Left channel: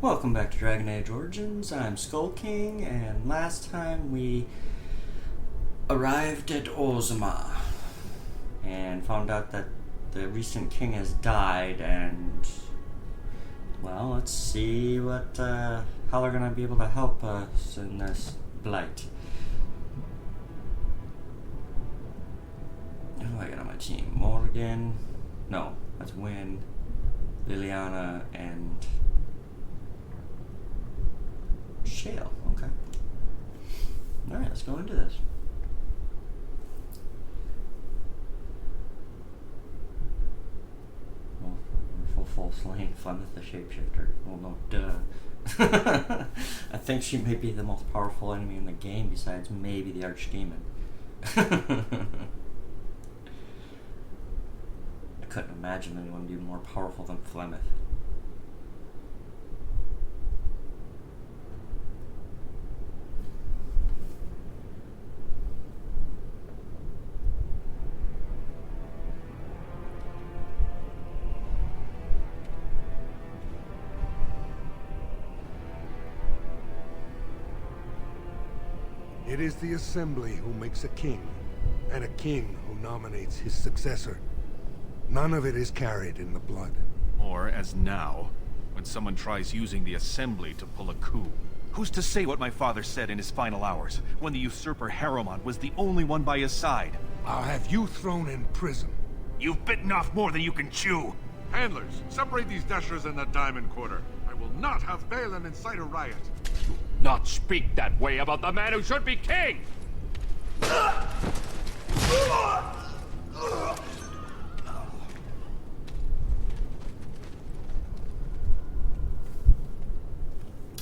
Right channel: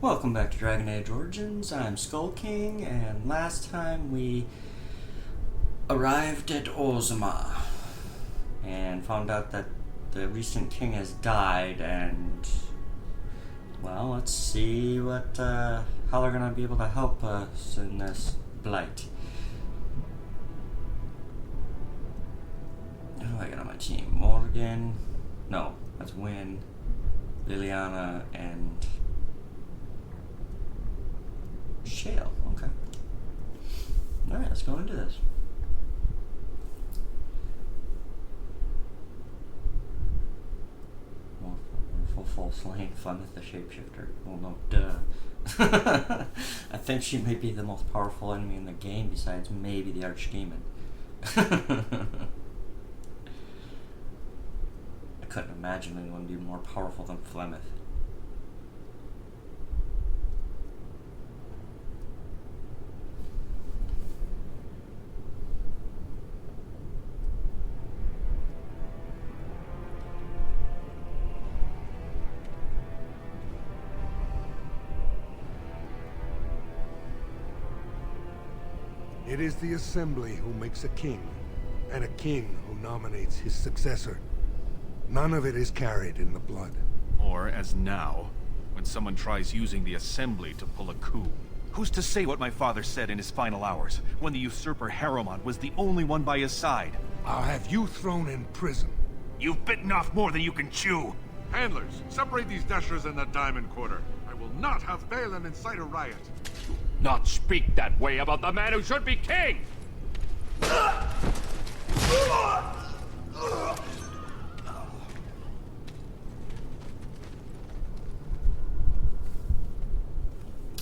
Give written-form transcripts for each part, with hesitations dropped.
Welcome back to Dragon Age Origins. I'm Skull King, and last time we arrived at Orzamar and found out that the recent king has died, and well, let's see what how they're gonna be able to help us in this blight. Who do I got on my team? Morgan? No, that's Wynn, Liliana, and Shale. Okay. Alright, let's go into this. Full slain fun with the shapeshifter. Well, no, duh. I think she may be the most powerful enemy in the game besides maybe the Archdemon. I couldn't imagine anyone being more powerful than Flemeth. It is the Assembly who makes a king, and a king who nominates his successor. None of it is carried in the blood. Or, as now, when someone tries using the Assembly to pull a coup. Who's to say what my father said in his final hours, when the usurper Harrowmont was the only one by his side? I'll have you thrown in prison. You've bitten off more than you can chew! Handlers, separate these dashers in the Diamond Quarter. I will not have Balin incite a riot. Not speak that way about the man who should be king!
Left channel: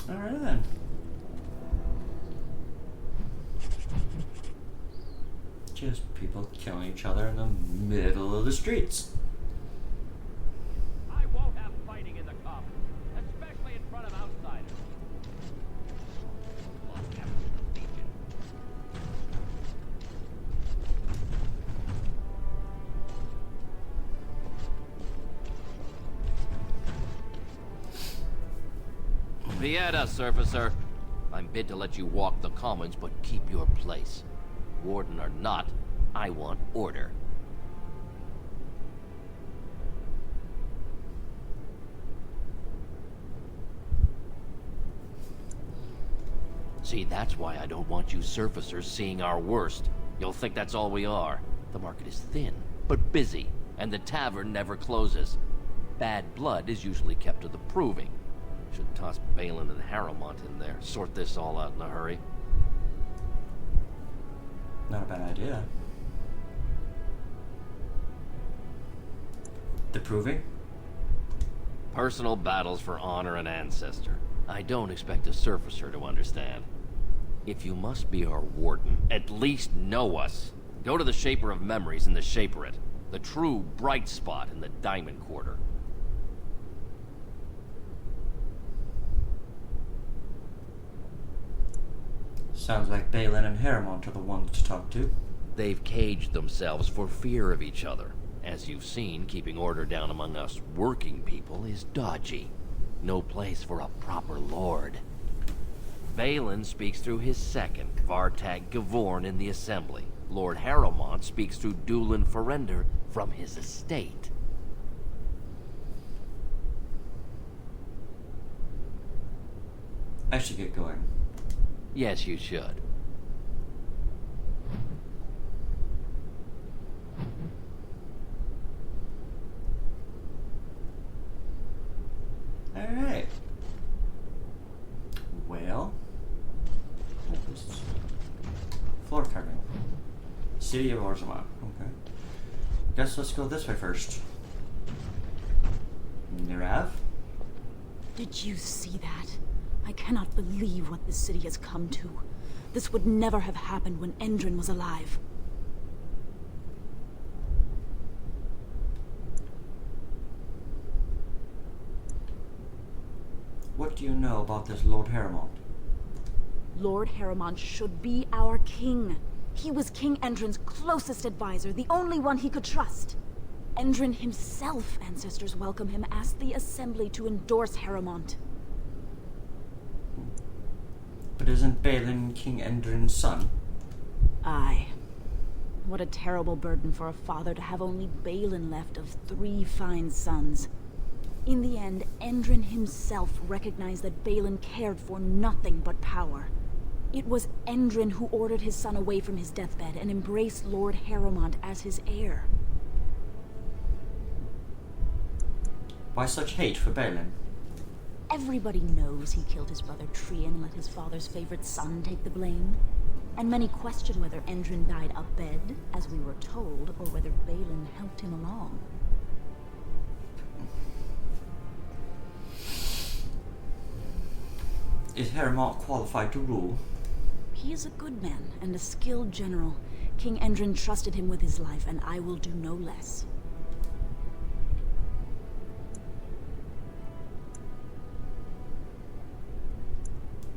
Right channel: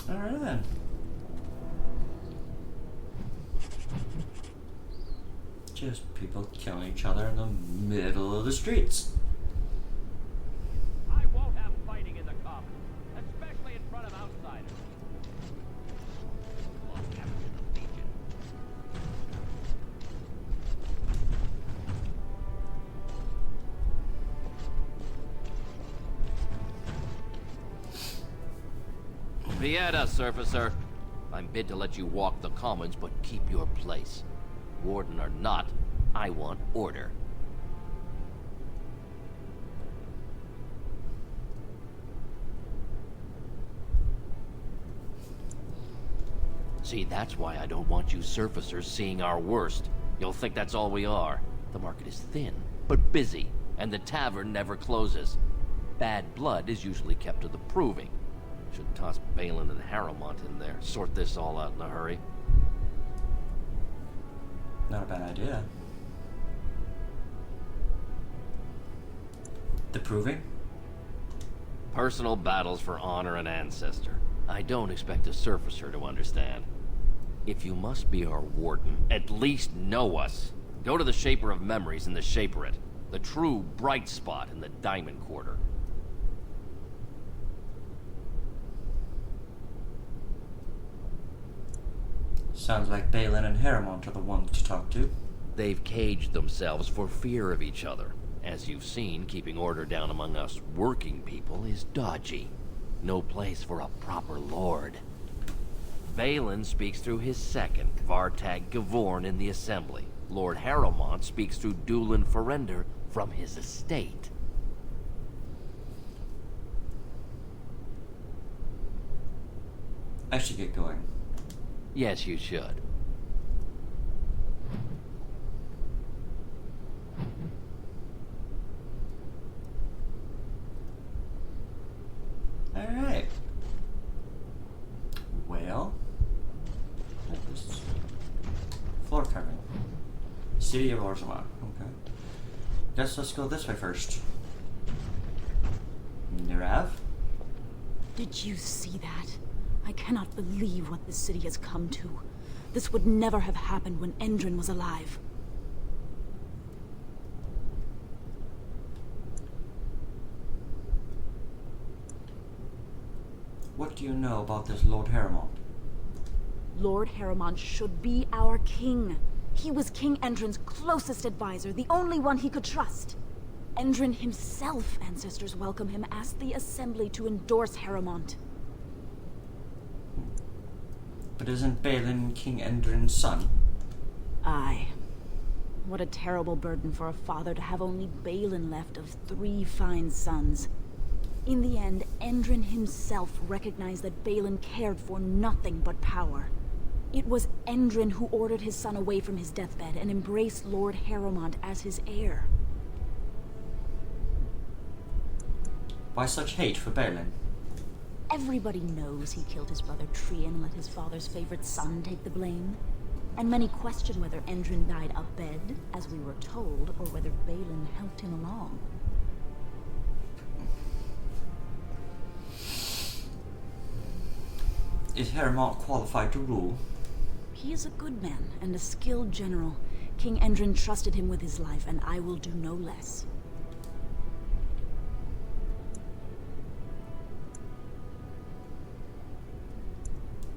Alright then. Just people killing each other in the middle of the streets. I won't have fighting in the commons, especially in front of outsiders. Lost evidence of Legion. Vieta, surfacer. I'm bid to let you walk the commons, but keep your place. Warden or not, I want order. See, that's why I don't want you surfacers seeing our worst. You'll think that's all we are. The market is thin, but busy, and the tavern never closes. Bad blood is usually kept to the proving. Should toss Balin and Harrowmont in there, sort this all out in a hurry. Not a bad idea. The proving? Personal battles for honor and ancestor. I don't expect a surfacer to understand. If you must be our warden, at least know us. Go to the Shaper of Memories in the Shaperate, the true bright spot in the Diamond Quarter. Sounds like Balin and Harrowmont are the ones to talk to. They've caged themselves for fear of each other. As you've seen, keeping order down among us working people is dodgy. No place for a proper lord. Balin speaks through his second, Vartag Gavorn, in the Assembly. Lord Harrowmont speaks through Dulin Ferender from his estate. I should get going. Yes, you should. Alright. Well, what is this? Floor carving. City of Orzamar. Okay. Guess let's go this way first. Nirav? Did you see that? I cannot believe what this city has come to. This would never have happened when Endrin was alive. What do you know about this Lord Harrowmont? Lord Harrowmont should be our king. He was King Endrin's closest advisor, the only one he could trust. Endrin himself, ancestors welcome him, asked the Assembly to endorse Harrowmont. But isn't Balin King Endrin's son? Aye. What a terrible burden for a father to have only Balin left of 3 fine sons. In the end, Endrin himself recognized that Balin cared for nothing but power. It was Endrin who ordered his son away from his deathbed and embraced Lord Harrowmont as his heir. Why such hate for Balin? Everybody knows he killed his brother Trian and let his father's favorite son take the blame. And many question whether Endrin died abed, as we were told, or whether Balin helped him along. Is Harrowmont qualified to rule? He is a good man and a skilled general. King Endrin trusted him with his life, and I will do no less.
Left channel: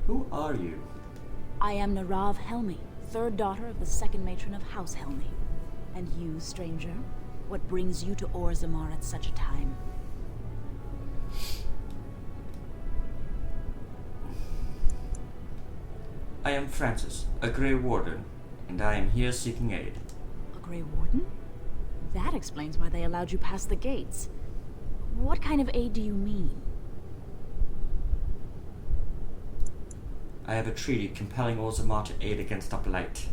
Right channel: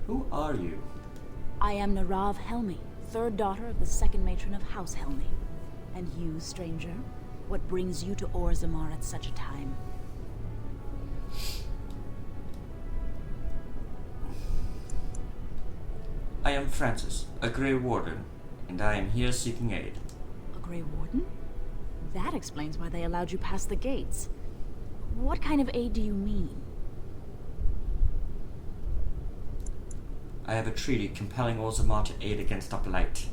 Who are you? I am Narav Helmi, 3rd daughter of the 2nd matron of House Helmi. And you, stranger, what brings you to Orzamar at such a time? I am Francis, a Grey Warden, and I am here seeking aid. A Grey Warden? That explains why they allowed you past the gates. What kind of aid do you mean? I have a treaty compelling Orzamar to aid against a blight.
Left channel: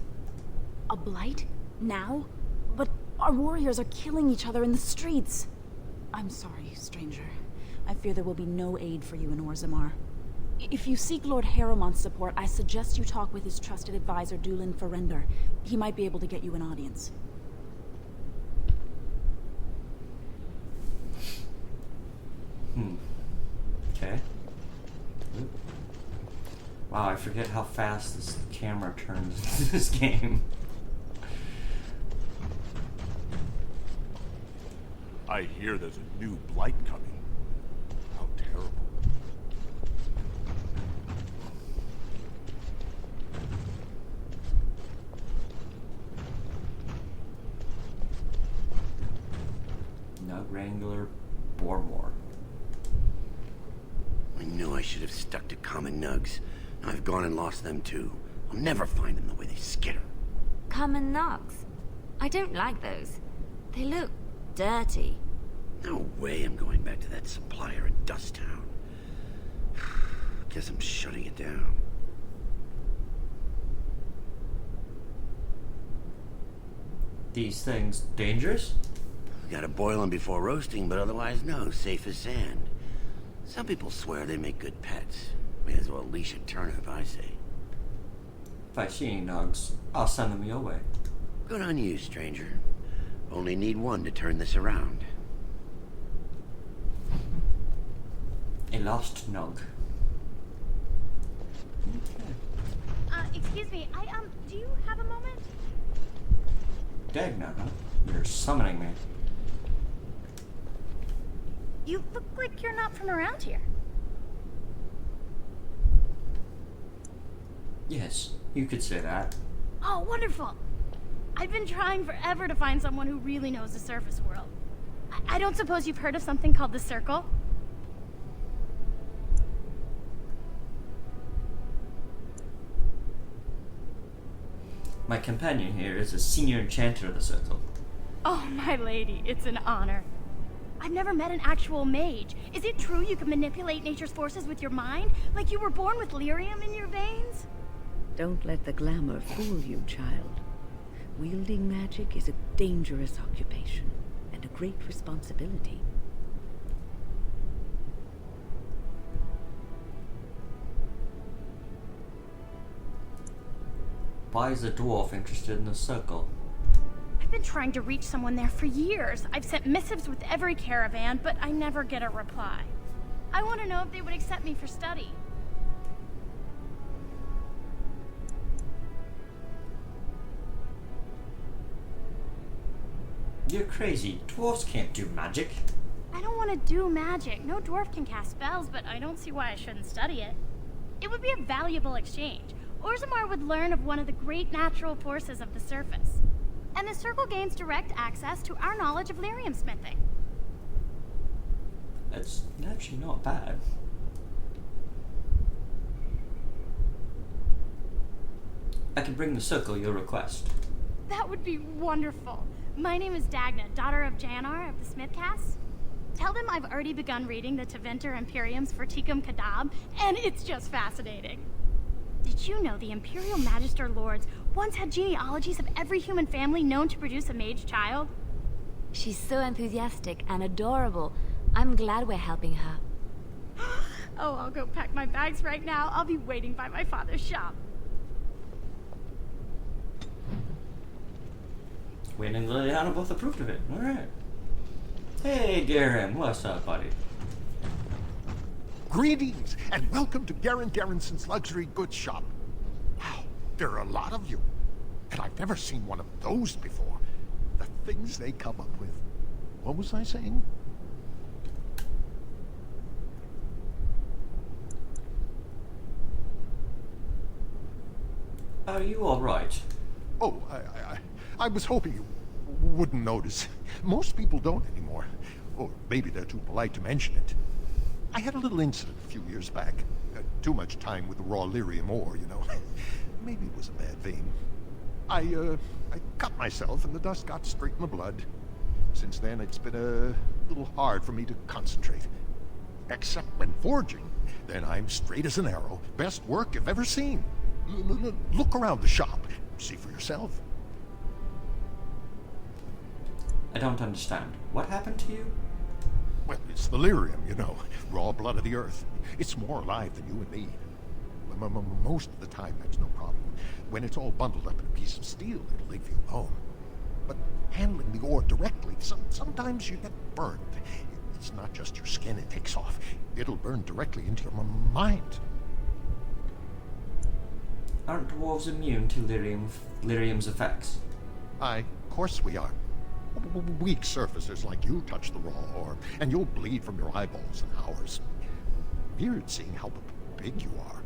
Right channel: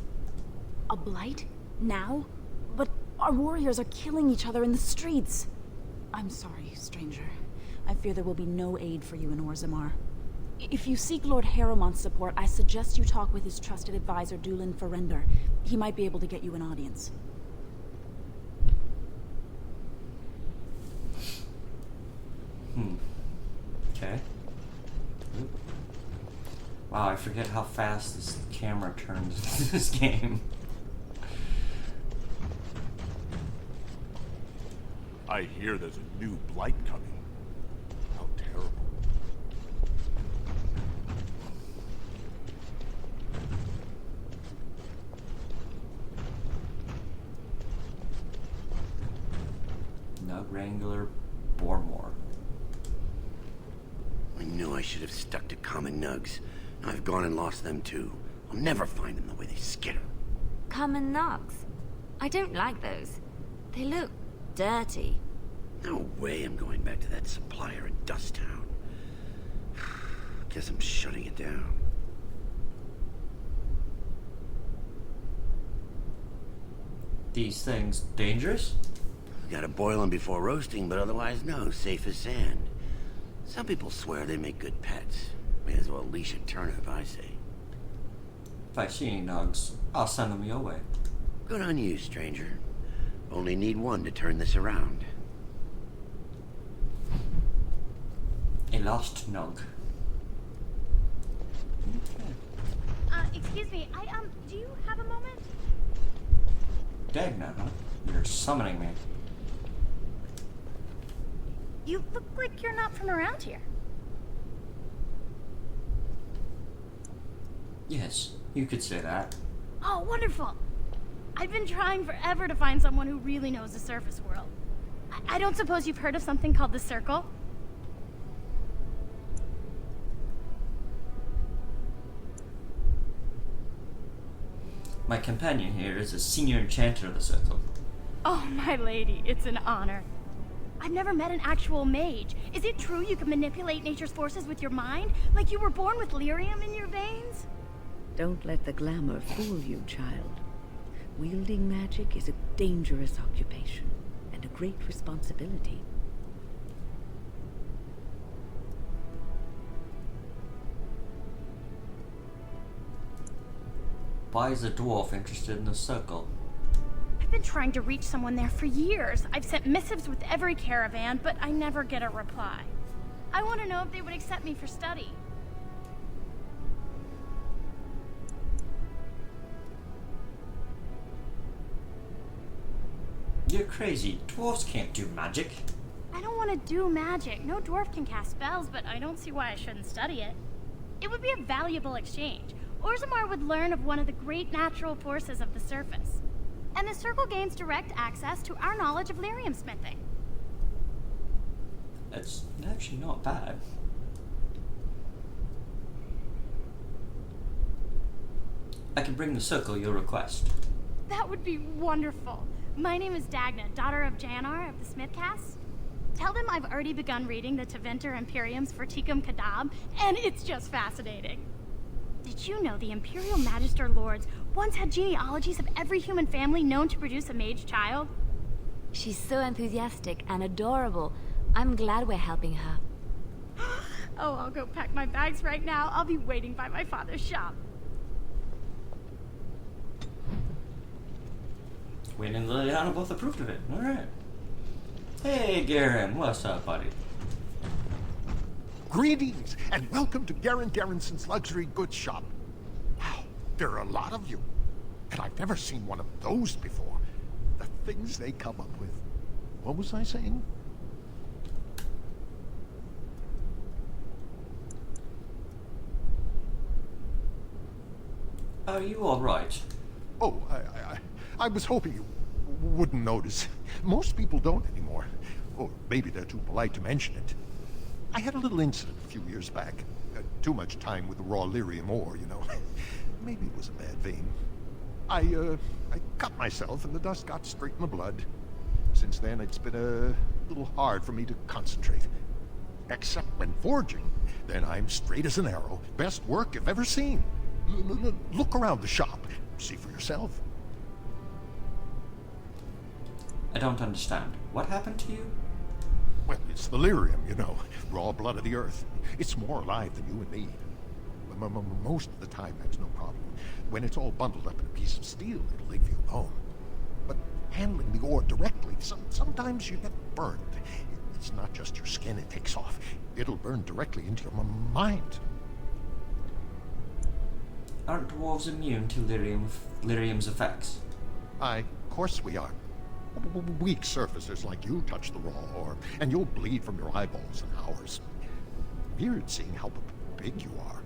A blight? Now? But our warriors are killing each other in the streets. I'm sorry, stranger. I fear there will be no aid for you in Orzamar. If you seek Lord Harrowmont's support, I suggest you talk with his trusted advisor, Dulin Ferender. He might be able to get you an audience. Okay. Oop. Wow, I forget how fast this camera turns in this game. I hear there's a new blight coming. How terrible. Nug Wrangler Bormore. I knew I should have stuck to common nugs. Now I've gone and lost them too. I'll never find them the way they skitter. Common nugs. I don't like those. They look dirty. No way I'm going back to that supplier in Dust Town. Guess I'm shutting it down. These things dangerous? Gotta boil them before roasting, but otherwise no, safe as sand. Some people swear they make good pets. May as well leash a turnip, I say. If I see any nugs, I'll send them your way. Good on you, stranger. Only need one to turn this around. A lost nug. Okay. Excuse me, do you have a moment? Dagna, huh? You're summoning me. You look like you're not from around here. Yes, you could say that. Oh, wonderful! I've been trying forever to find someone who really knows the surface world. I don't suppose you've heard of something called the Circle? My companion here is a senior enchanter of the Circle. Oh, my lady, it's an honor. I've never met an actual mage. Is it true you can manipulate nature's forces with your mind? Like you were born with lyrium in your veins? Don't let the glamour fool you, child. Wielding magic is a dangerous occupation, and a great responsibility. Why is a dwarf interested in the Circle? I've been trying to reach someone there for years. I've sent missives with every caravan, but I never get a reply. I want to know if they would accept me for study. You're crazy. Dwarves can't do magic. I don't want to do magic. No dwarf can cast spells, but I don't see why I shouldn't study it. It would be a valuable exchange. Orzamar would learn of one of the great natural forces of the surface. And the Circle gains direct access to our knowledge of lyrium smithing. It's actually not bad. I can bring the circle you'll request. That would be wonderful. My name is Dagna, daughter of Janar of the Smithcast. Tell them I've already begun reading the Teventer Imperium's Verticum Kadab, and it's just fascinating. Did you know the Imperial Magister Lords once had genealogies of every human family known to produce a mage child? She's so enthusiastic and adorable. I'm glad we're helping her. Oh, I'll go pack my bags right now. I'll be waiting by my father's shop. Wayne and Liliana both approved of it. Alright. Hey, Garen. What's up, buddy? Greetings, and welcome to Garen Garrison's Luxury Goods Shop. Wow, there are a lot of you. And I've never seen one of those before. The things they come up with. What was I saying? Are you alright? Oh, I was hoping you wouldn't notice. Most people don't anymore. Or maybe they're too polite to mention it. I had a little incident a few years back. Too much time with the raw lyrium ore, you know. Maybe it was a bad vein. I cut myself and the dust got straight in the blood. Since then, it's been a little hard for me to concentrate. Except when forging, then I'm straight as an arrow. Best work you've ever seen. Look around the shop. See for yourself. I don't understand. What happened to you? Well, it's the lyrium, you know. Raw blood of the earth. It's more alive than you and me. Most of the time, that's no problem. When it's all bundled up in a piece of steel, it'll leave you alone. But handling the ore directly, sometimes you get burned. It's not just your skin it takes off. It'll burn directly into your mind. Aren't dwarves immune to lyrium's effects? Aye, of course we are. Weak surfacers like you touch the raw ore, and you'll bleed from your eyeballs in hours. Weird seeing how big you are.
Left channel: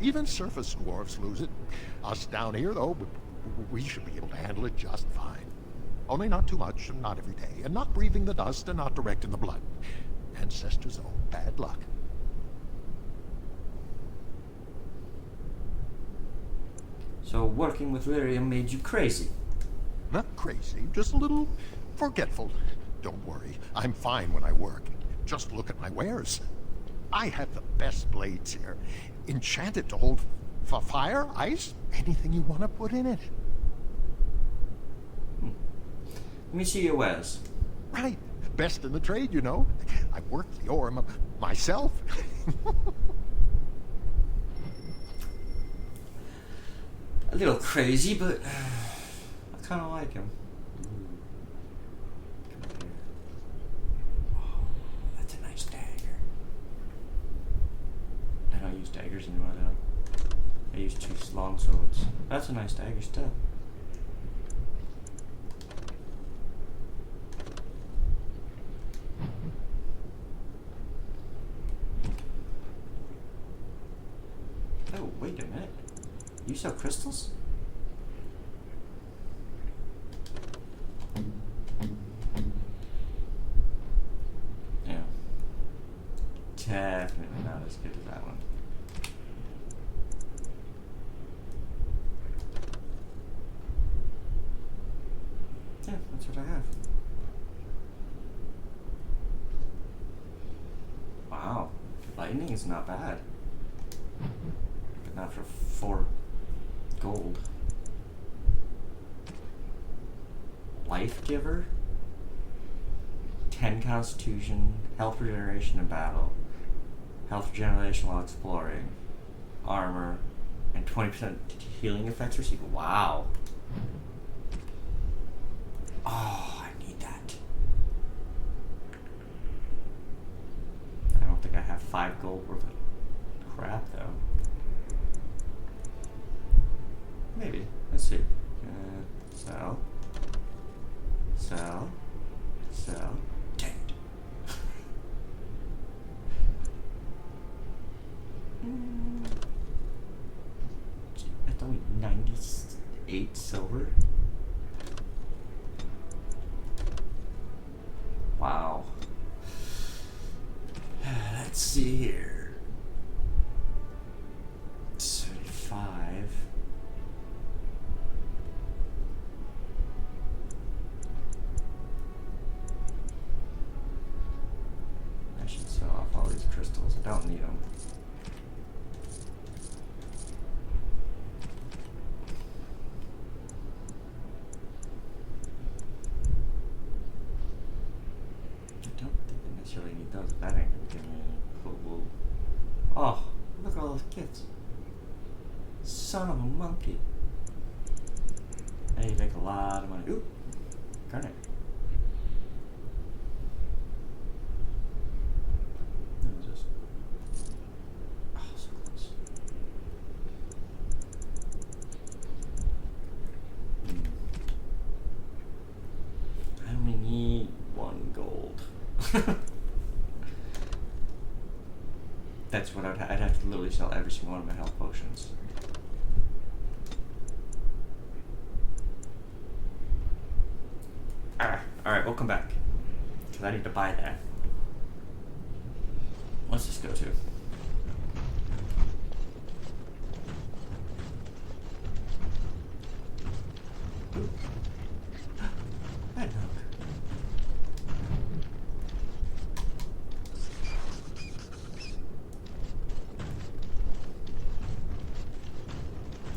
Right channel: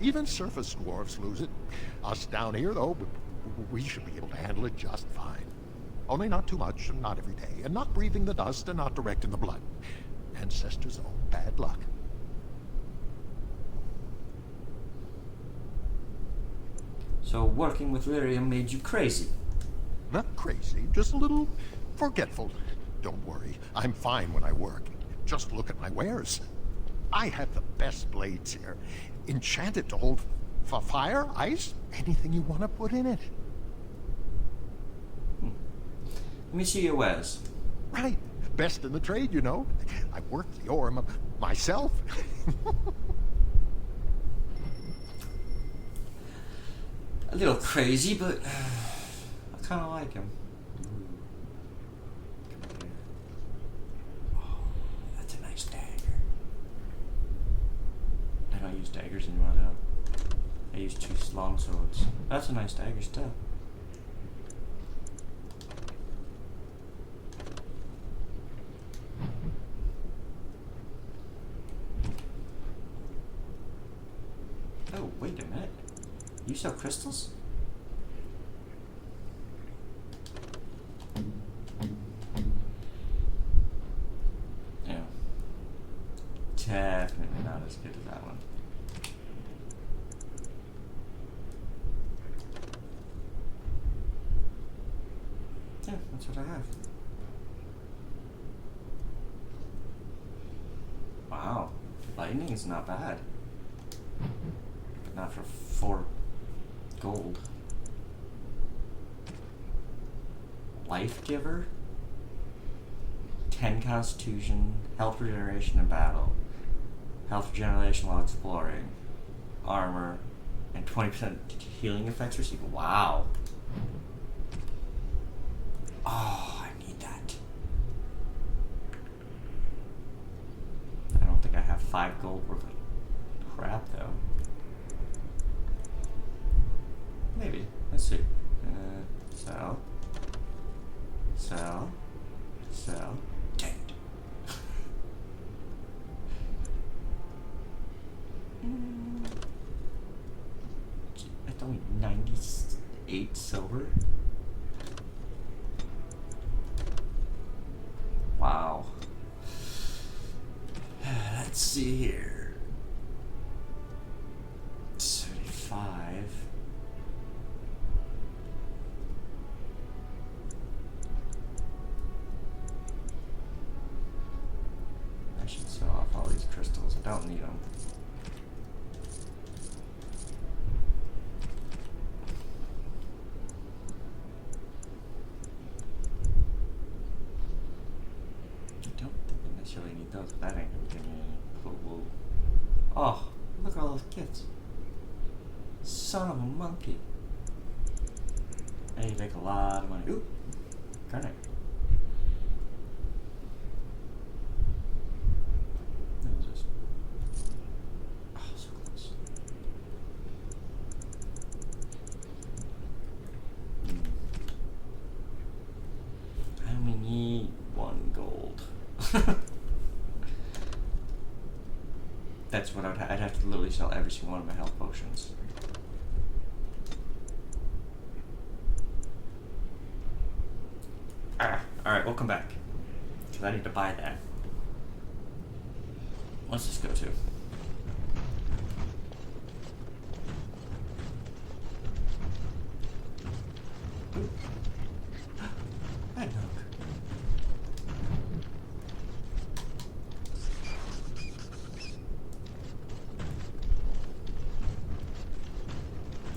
Even surface dwarves lose it. Us down here, though, we should be able to handle it just fine. Only not too much, and not every day, and not breathing the dust, and not direct in the blood. Ancestors' own bad luck. So working with lyrium made you crazy? Not crazy, just a little forgetful. Don't worry, I'm fine when I work. Just look at my wares. I have the best blades here. Enchanted to hold fire, ice, anything you want to put in it. Let me see your wares. Right, best in the trade, you know. I worked the ore myself. A little crazy, but I kind of like him. Come here. Oh, that's a nice dagger. I don't use daggers anymore, though. I use 2 long swords. That's a nice dagger still. Oh, wait a minute. You sell crystals? Yeah. Definitely not as good as that one. Yeah, that's what I have. Wow. Lightning is not bad. But not for 4 gold. Life Giver, 10 Constitution, health regeneration in battle, health regeneration while exploring, armor, and 20% healing effects received. Wow. Oh, I need that. I don't think I have 5 gold worth of crap though. Maybe. Let's see. Sell. Sell. Sell. Dang it. That's only 98 silver. Wow. Let's see here. 75. don't need them. I don't think I necessarily need those. That ain't gonna give me any cool wool. Oh, look at all those kids. Son of a monkey. And you make a lot of money. Ooh, garnet. That was just... Oh, so close. I only need 1 gold. That's what I'd have to literally sell every single one of my health potions. Alright, we'll come back. Because I need to buy that. What's this go to? Ooh. Red milk.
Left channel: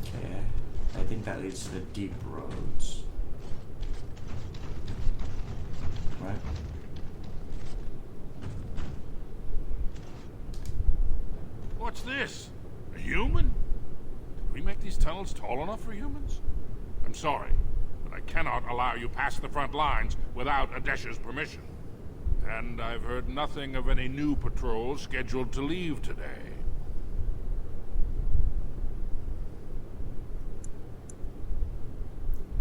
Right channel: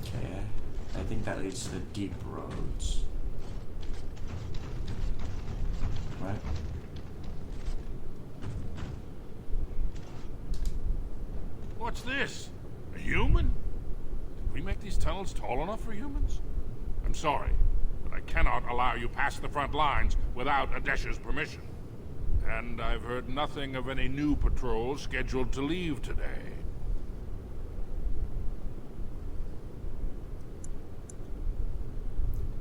Okay, I think that leads to the deep roads. Right? What's this? A human? Did we make these tunnels tall enough for humans? I'm sorry, but I cannot allow you past the front lines without Adesha's permission. And I've heard nothing of any new patrols scheduled to leave today.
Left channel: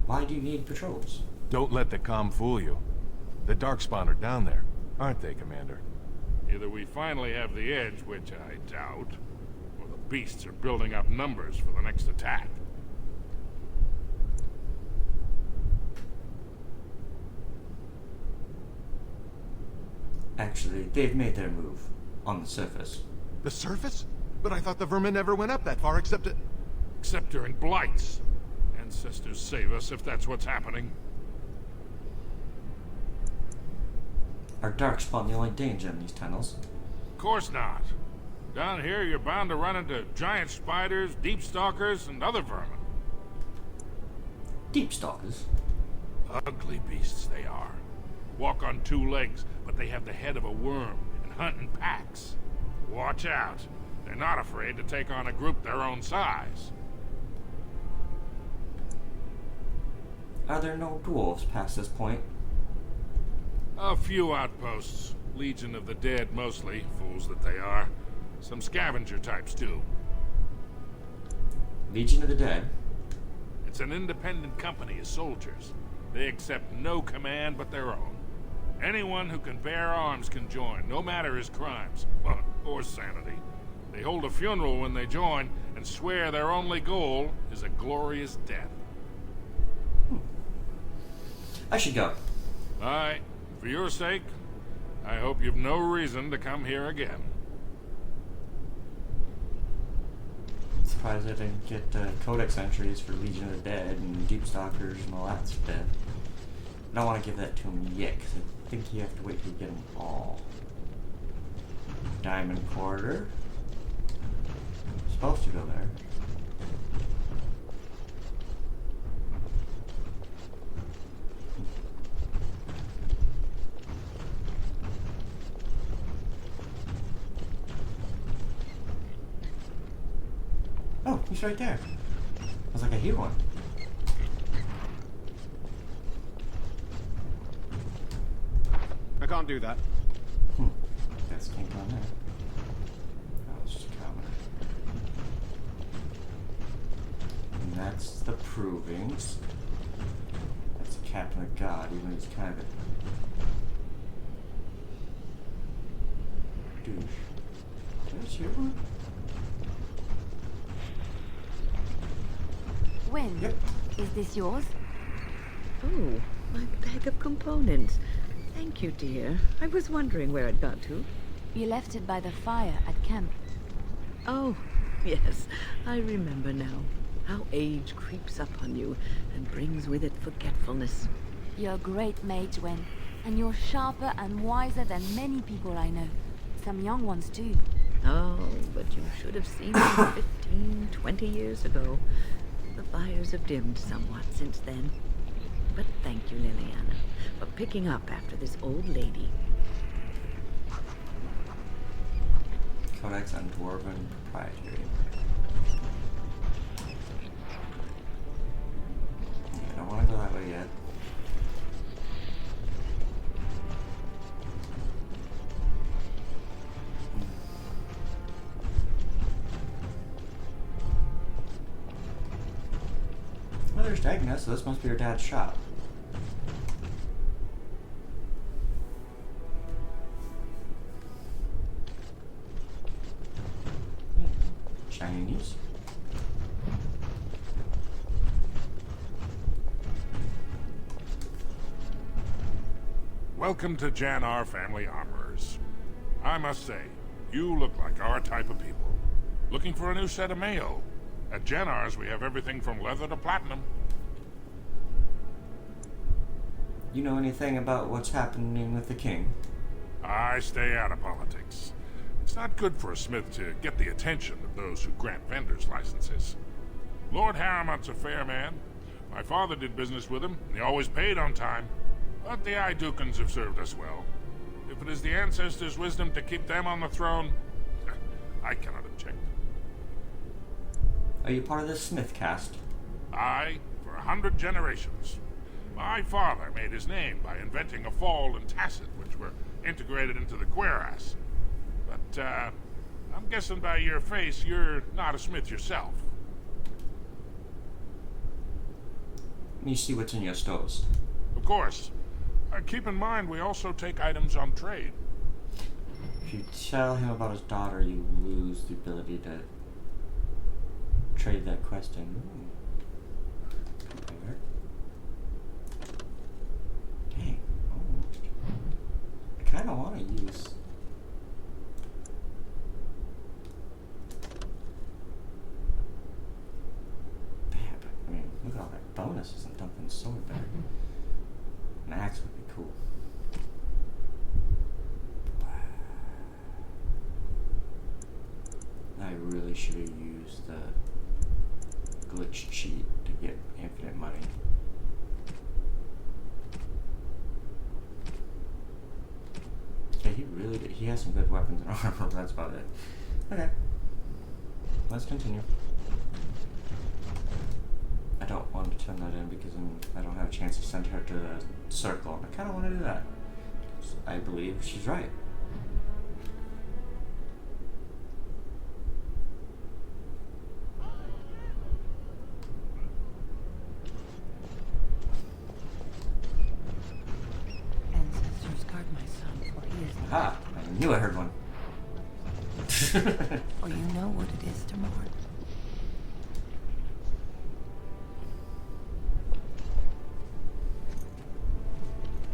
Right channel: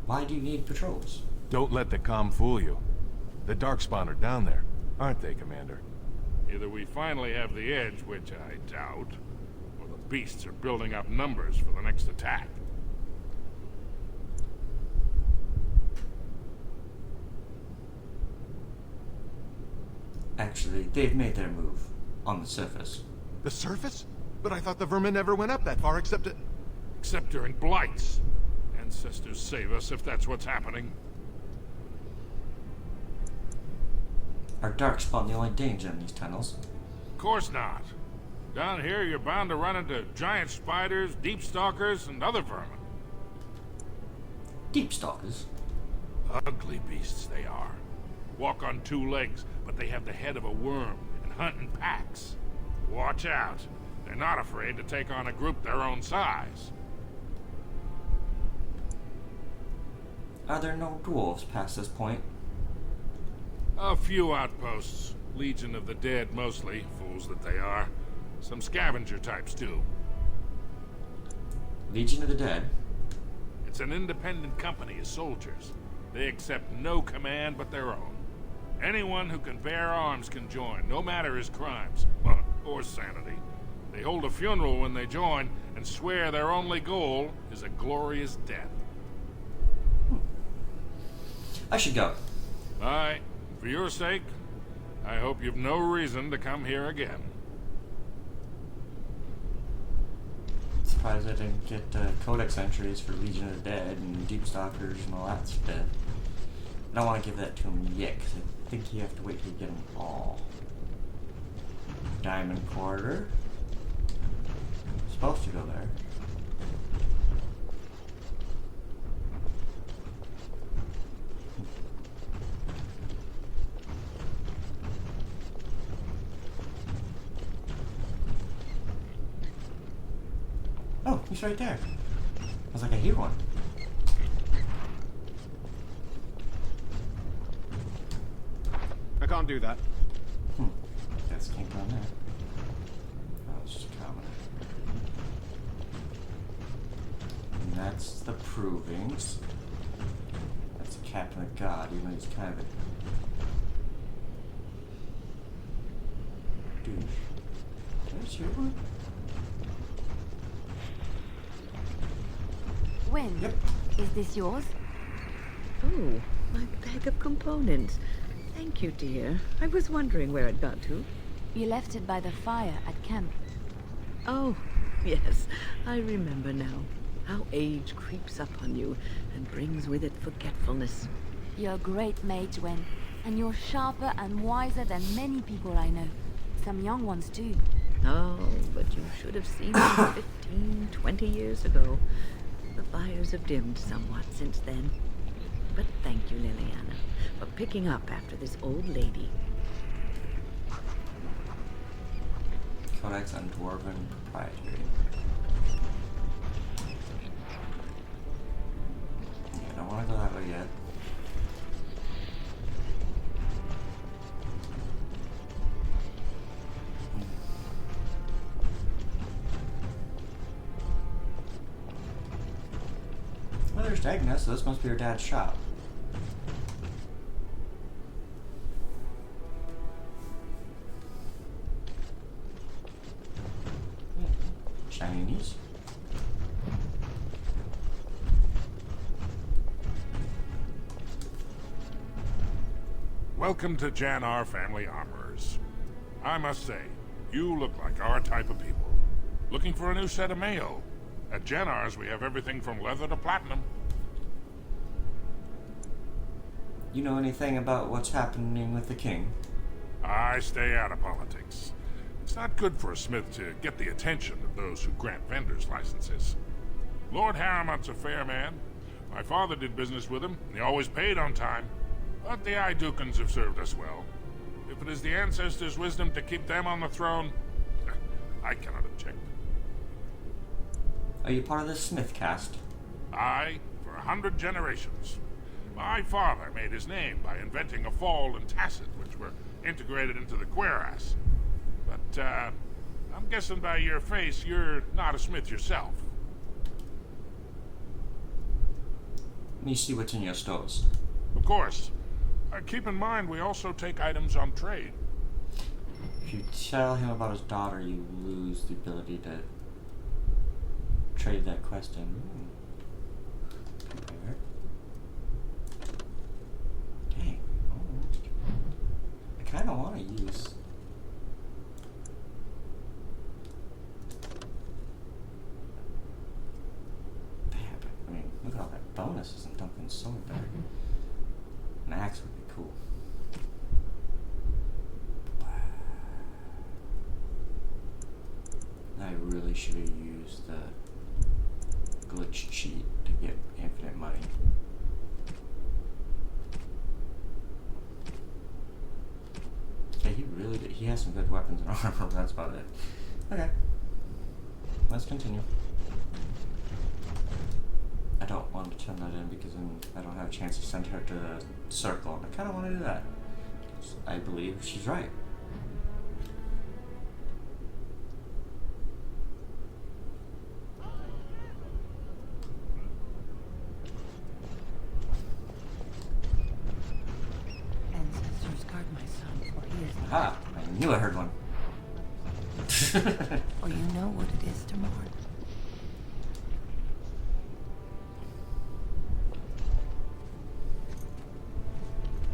Why do you need patrols? Don't let the comm fool you. The Darkspawn are down there, aren't they, Commander? Either we finally have the edge, which I doubt, or the beasts are building up numbers for the next attack. Actually, they've made their move on the surface. The surface? But I thought the vermin never went up that far except Except during blights. Ancestors save us if that's what's happening. Are Darkspawn the only danger in these tunnels? Of course not. Down here, you're bound to run into giant spiders, deep stalkers, and other vermin. Deep stalkers? Ugly beasts they are. Walk on 2 legs, but they have the head of a worm and hunt in packs. Watch out. They're not afraid to take on a group their own size. Are there no dwarves past this point? A few outposts. Legion of the Dead mostly, fools that they are. Some scavenger types too. Legion of the Dead? It's an independent company of soldiers. They accept no command but their own. Anyone who can bear arms can join, no matter his crimes, well, or sanity. They hold a funeral when they join, and swear their only goal is a glorious death. I should go. Aye, for your sake, I hope you've no reason to come here again. Surprised I didn't get codex entries for Legion of the Dead and Deep Stalkers and all that stuff. I don't want to give that to him yet, because I think you have to wait till you get them all. Diamond Quarter. Supposed to go there. Oh, he's right there. I was like, I hear one. I can't do that. Guess can't go in there. Oh, it's just a commoner. And that's the provings. That's the Captain of God, even though he's kind of a douche. There's your one. Wynn, Yep. is this yours? Oh, my bag of components. Thank you, dear. I was wondering where it got to. You left it by the fire at camp. Oh, yes. I remember now. How age creeps up on you and brings with it forgetfulness. You're a great mage, Wynn, and you're sharper and wiser than many people I know. Some young ones, too. Oh, but you should have seen them 15, 20 years ago. The fires have dimmed somewhat since then. But thank you, Liliana, for picking up after this old lady. Codex on Dwarven Proprietary. Yeah, I don't want to go that way yet. Well, there's Agnes, so this must be her dad's shop. Chinese. Welcome to Jannar Family Armorers. I must say, you look like our type of people. Looking for a new set of mayo? At Jannar's, we have everything from leather to platinum. You know anything about what's happening with the king? I stay out of politics. It's not good for a smith to get the attention of those who grant vendors licenses. Lord Harriman's a fair man. My father did business with him, and he always paid on time. But the Idukans have served us well. If it is the ancestors' wisdom to keep them on the throne, I cannot object. Are you part of the Smith caste? Aye, for 100 generations. My father made his name by inventing a fall and tacit, which were integrated into the cuirass. But, I'm guessing by your face, you're not a smith yourself. Let me see what's in your stores. Of course. Keep in mind, we also take items on trade. If you tell him about his daughter, you lose the ability to trade that quest in. Compare. Dang. Almost. I kind of want to use... I mean, look at all that bonuses and dumping sword there. An axe would be cool. I really should have used the glitch cheat to get infinite money. Okay, he really did. He has some good weapons and armor, but that's about it. Okay. Let's continue. I don't want to turn that in because then I don't have a chance to send her to the circle, and I kind of want to do that. I believe she's right. Ancestors guard my son, for he is... Aha! I knew I heard one. For you know what it is to mourn.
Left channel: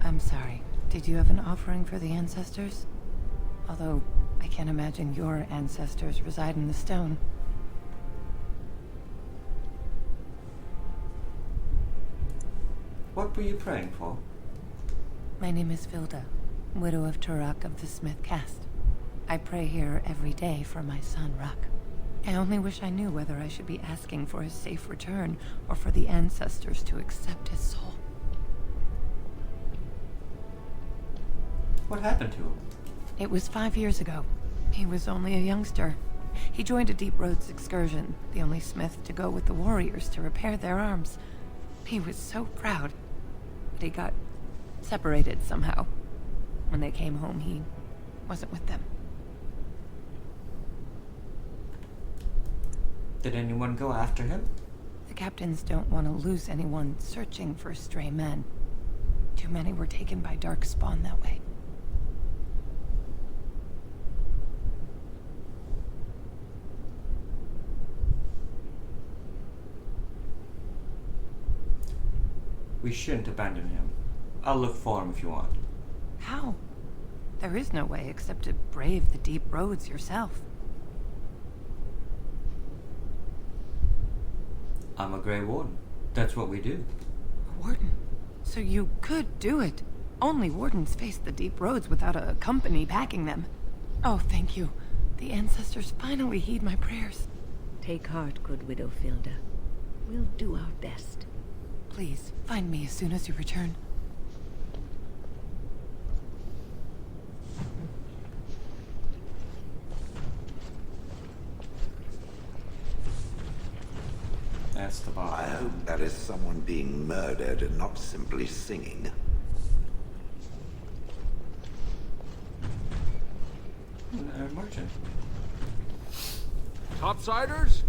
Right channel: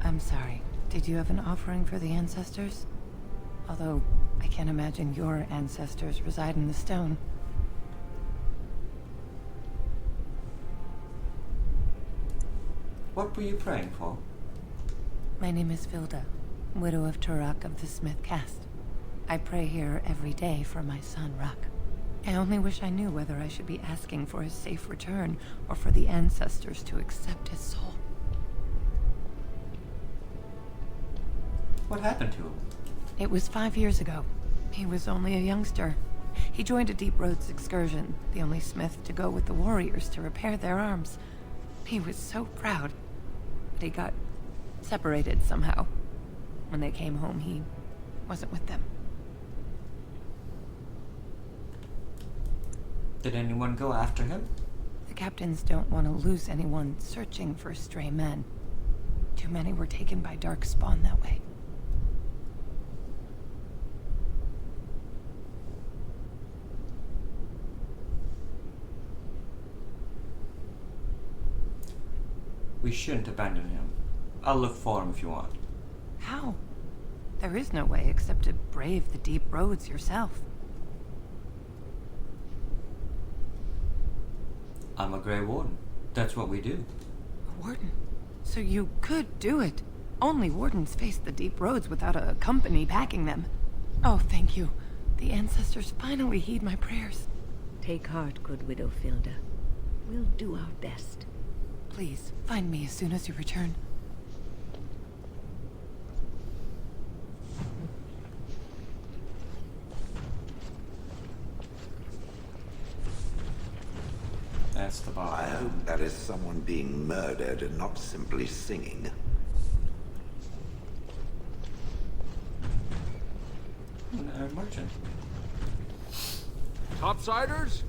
I'm sorry. Did you have an offering for the ancestors? Although, I can't imagine your ancestors reside in the stone. What were you praying for? My name is Vilda, widow of Turok of the Smith caste. I pray here every day for my son, Ruck. I only wish I knew whether I should be asking for his safe return or for the ancestors to accept his soul. What happened to him? It was 5 years ago. He was only a youngster. He joined a Deep Roads excursion, the only smith to go with the warriors to repair their arms. He was so proud, but he got separated somehow. When they came home, he wasn't with them. Did anyone go after him? The captains don't want to lose anyone searching for stray men. Too many were taken by dark spawn that way. We shouldn't abandon him. I'll look for him if you want. How? There is no way except to brave the deep roads yourself. I'm a Grey Warden. That's what we do. A warden? So you could do it. Only wardens face the deep roads without a company backing them. Oh, thank you. The ancestors finally heed my prayers. Take heart, good Widow Filda. We'll do our best. Please, find me as soon as you return. That's the bar. I hope that is someone being murdered and not simply singing. Merchant. Topsiders?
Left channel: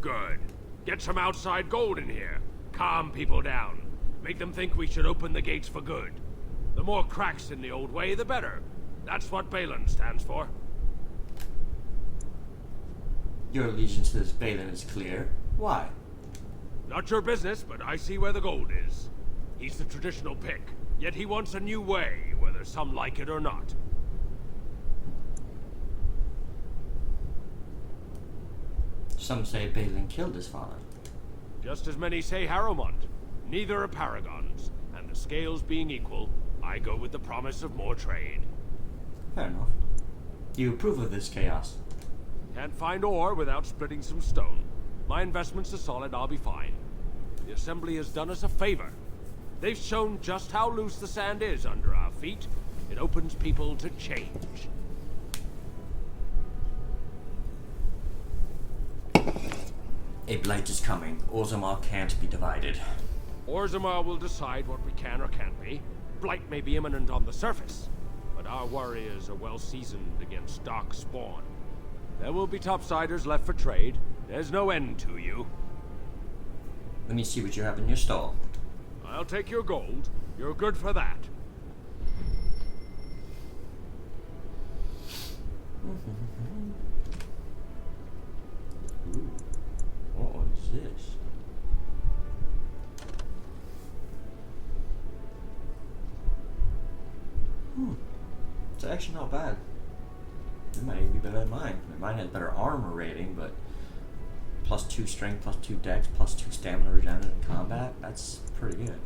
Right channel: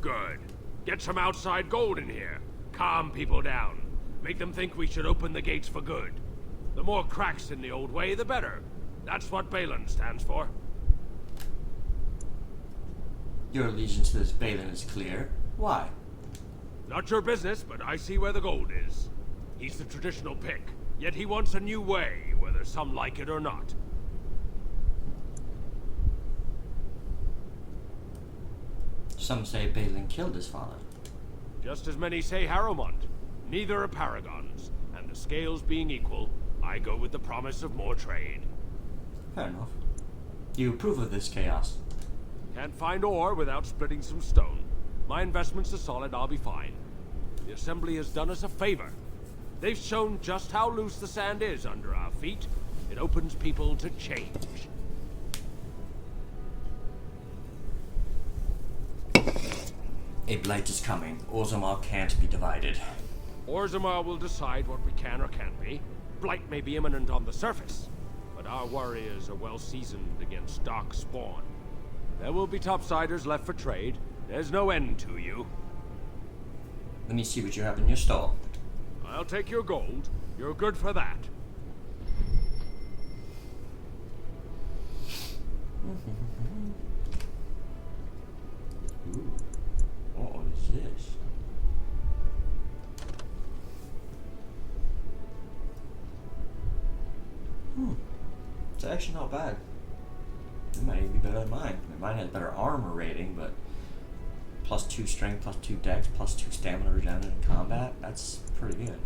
Good. Get some outside gold in here. Calm people down. Make them think we should open the gates for good. The more cracks in the old way, the better. That's what Balin stands for. Your allegiance to this Balin is clear. Why? Not your business, but I see where the gold is. He's the traditional pick, yet he wants a new way, whether some like it or not. Some say Balin killed his father. Just as many say Harrowmont. Neither are paragons, and the scales being equal, I go with the promise of more trade. Fair enough. You approve of this chaos? Can't find ore without splitting some stone. My investments are solid, I'll be fine. The Assembly has done us a favor. They've shown just how loose the sand is under our feet. It opens people to change. A blight is coming. Orzamar can't be divided. Orzamar will decide what we can or can't be. Blight may be imminent on the surface, but our warriors are well seasoned against dark spawn. There will be topsiders left for trade. There's no end to you. Let me see what you have in your stall. I'll take your gold. You're good for that. Ooh. What is this? It's actually not bad. It might even be better than mine. Mine has better armor rating, but +2 strength, +2 dex, +2 stamina regen in combat. That's pretty good.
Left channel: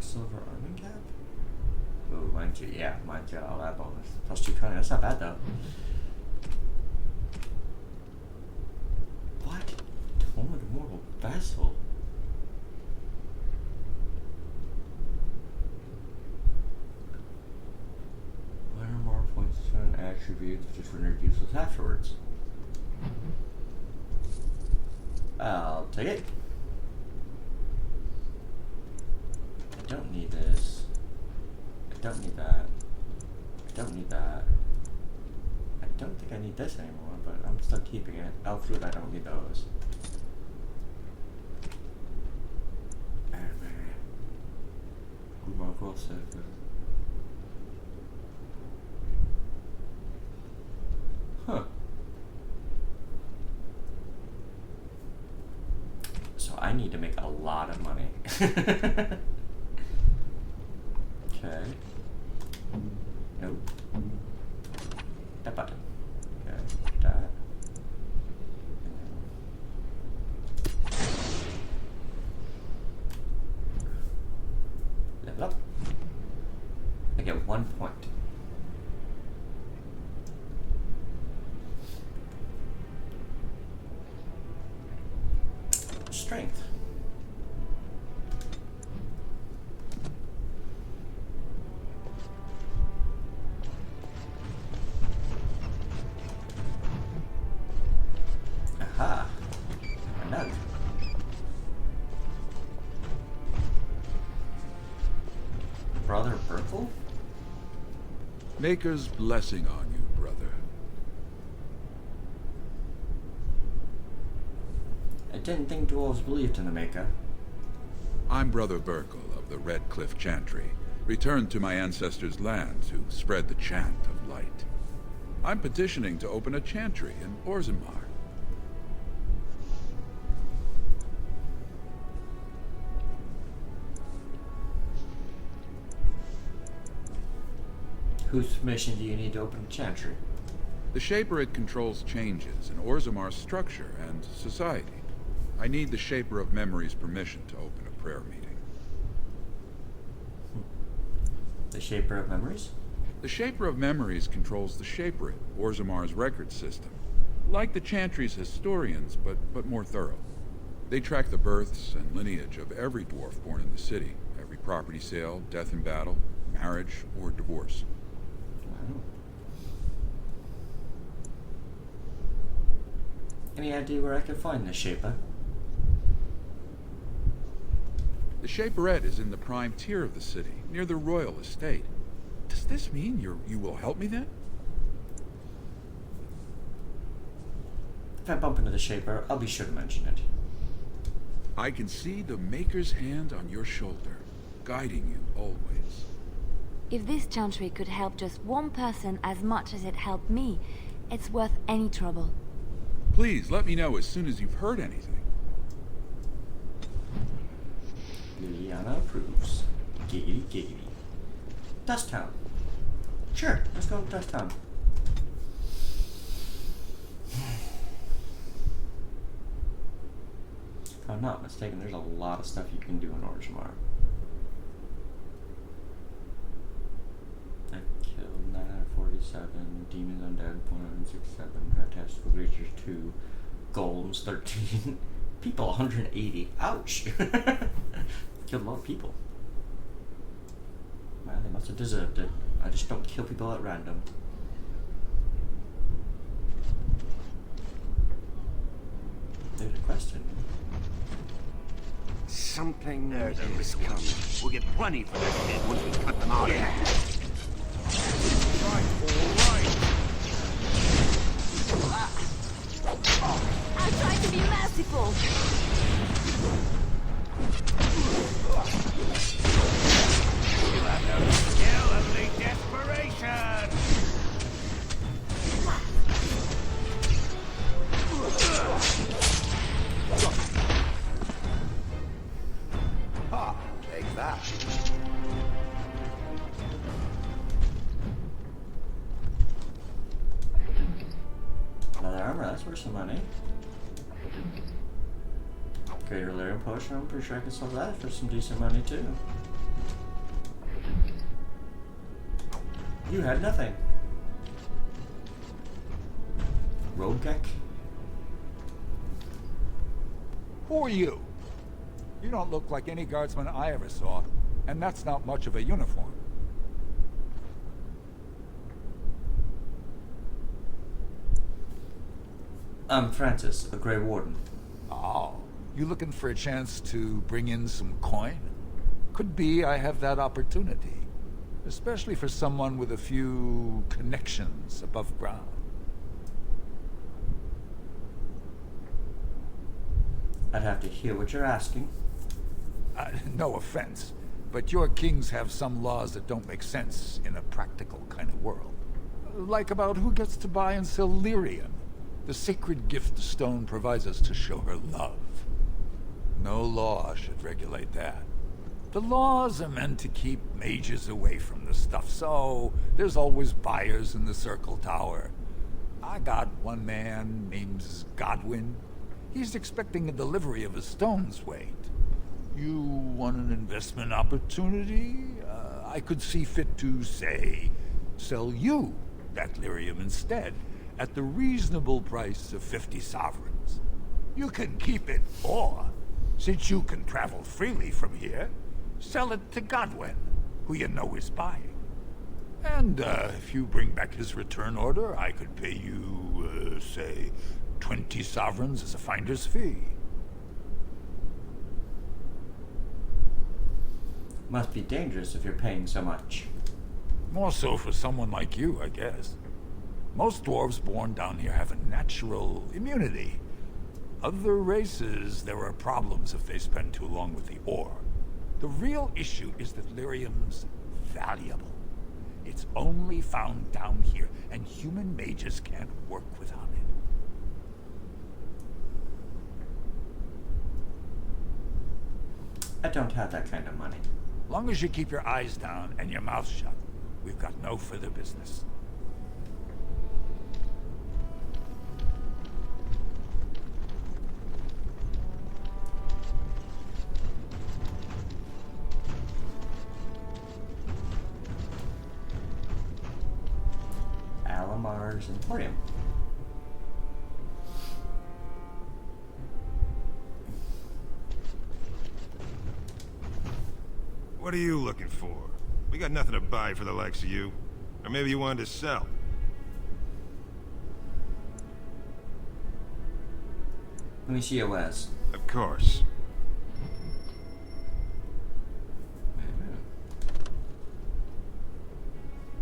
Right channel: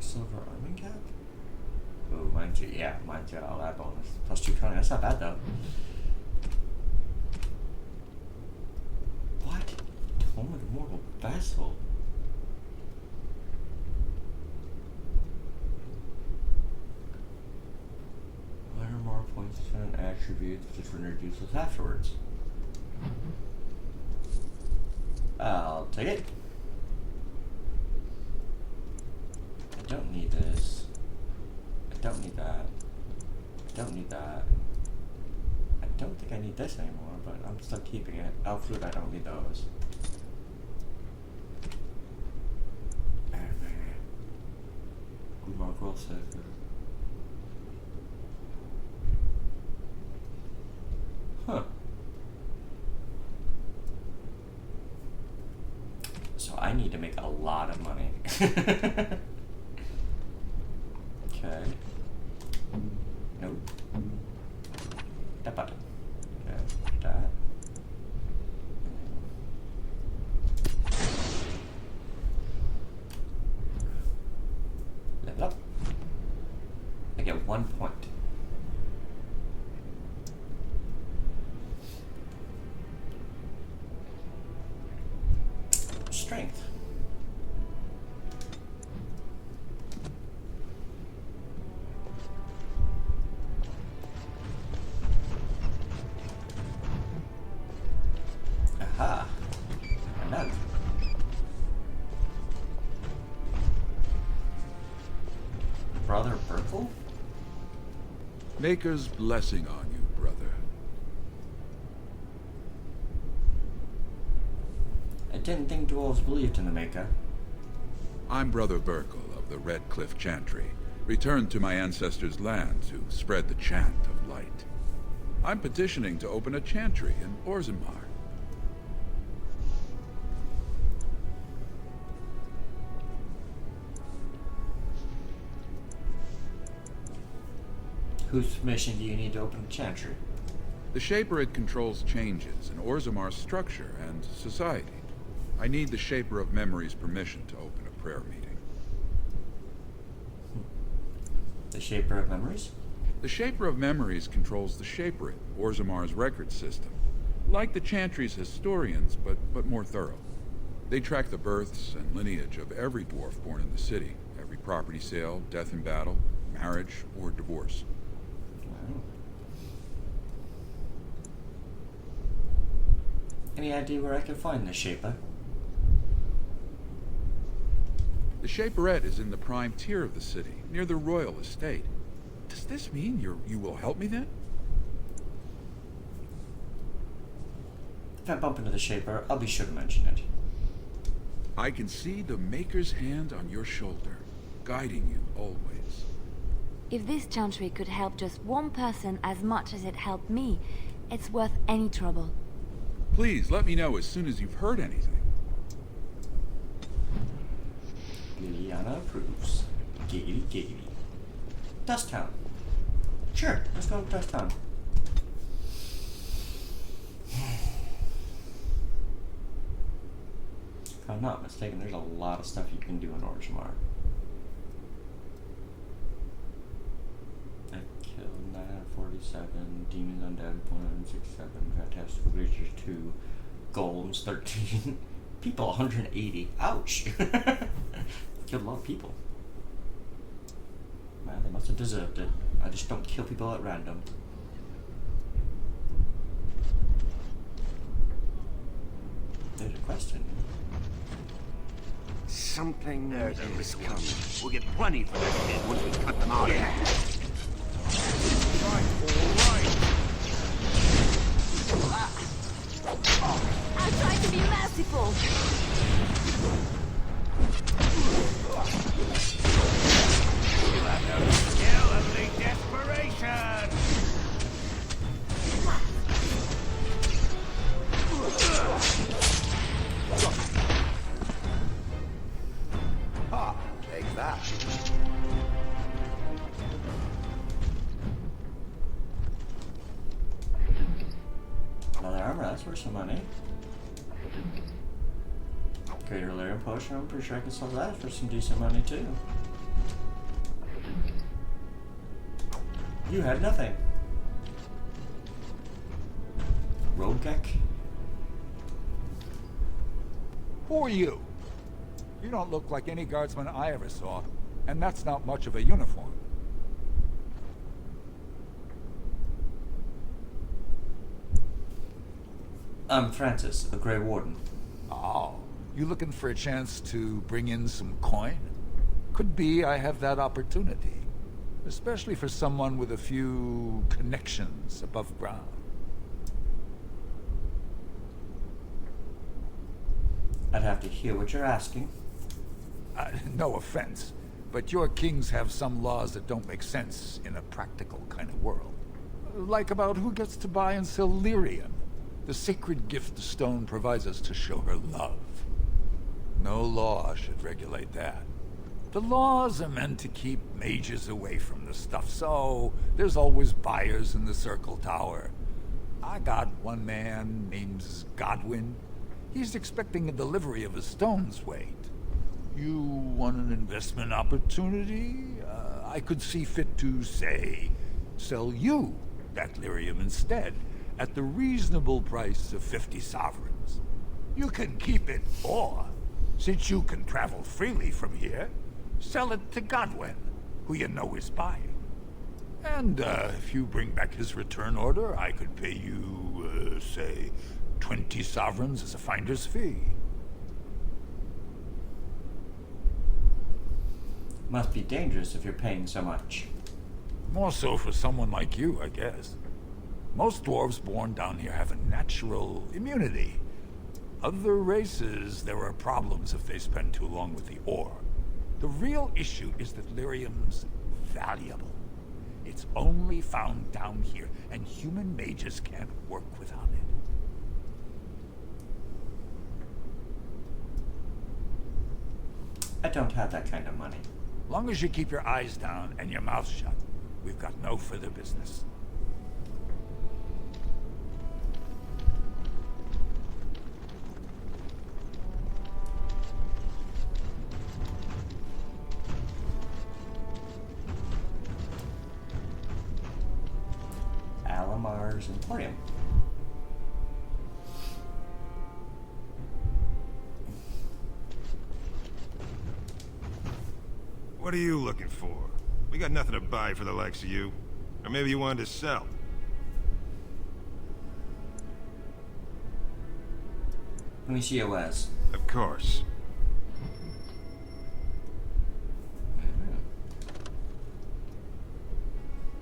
Silver arming cap? Oh, mine's got all that bonus. +2 cunning. That's not bad though. What? Tome of the Mortal Vessel. Minor more points to an attribute which is rendered useless afterwards. I'll take it. I don't need this. I don't need that. I don't need that. I don't think I need this anymore, but I'm still keeping it. Elf fruit, I don't need those. Good mark roll safer. Huh. So I need to make a lot of money. Okay. Nope. That button. Okay. That. Level up. I get 1 point. Strength. Aha. A note. Brother Berkel? Maker's blessing on you, brother. I didn't think dwarves believed in the Maker. I'm Brother Berkel of the Red Cliff Chantry, returned to my ancestors' land to spread the chant of light. I'm petitioning to open a chantry in Orzamar. Whose permission do you need to open a chantry? The Shaperid controls changes in Orzamar's structure and society. I need the Shaper of Memory's permission to open a prayer meeting. The Shaper of Memories? The Shaper of Memories controls the Shaperate, Orzamar's record system. Like the Chantry's historians, but more thorough. They track the births and lineage of every dwarf born in the city, every property sale, death in battle, marriage, or divorce. Wow. Any idea where I can find the Shaper? The Shaperette is in the prime tier of the city, near the royal estate. Does this mean you will help me then? If I bump into the Shaper, I'll be sure to mention it. I can see the Maker's hand on your shoulder, guiding you always. If this chantry could help just one person as much as it helped me, it's worth any trouble. Please let me know as soon as you've heard anything. Liliana approves. Giggity giggity. Dust Town. Sure, let's go to Dust Town. If I'm not mistaken, there's a lot of stuff you can do in Orzamar. I killed 947, demons undead 167, fantastical creatures 2, golems 13, people 180. Ouch! Killed a lot of people. Man, they must have deserved it. I just don't kill people at random. There's a question. Something is coming. We'll get plenty for this shit once we cut them out. Yeah. I tried to be merciful. You have no skill, only desperation. Ah, take that. Leather armor, that's worth some money. Greater Lyrium potion, I'm pretty sure I can sell that for some decent money too. You had nothing. Roadgeck? Who are you? You don't look like any guardsman I ever saw, and that's not much of a uniform. I'm Francis, a Grey Warden. Oh, you looking for a chance to bring in some coin? Could be I have that opportunity. Especially for someone with a few connections above ground. I'd have to hear what you're asking. No offense, but your kings have some laws that don't make sense in a practical kind of world. Like about who gets to buy and sell lyrium, the sacred gift the stone provides us to show her love. No law should regulate that. The laws are meant to keep mages away from the stuff, so there's always buyers in the Circle Tower. I got one man named Godwin. He's expecting a delivery of a stone's weight. You want an investment opportunity? I could see fit to, say, sell you that lyrium instead, at the reasonable price of 50 sovereigns. You can keep it, or, since you can travel freely from here, sell it to Godwin, who you know is buying. And if you bring back his return order, I could pay you, say, 20 sovereigns as a finder's fee. Must be dangerous if you're paying so much. More so for someone like you, I guess. Most dwarves born down here have a natural immunity. Other races, there are problems if they spend too long with the ore. The real issue is that lyrium's valuable. It's only found down here, and human mages can't work without it. I don't have that kind of money. Long as you keep your eyes down and your mouth shut, we've got no further business. Orzamar's Emporium. What are you looking for? We got nothing to buy for the likes of you. Or maybe you wanted to sell. Let me see your wares. Of course.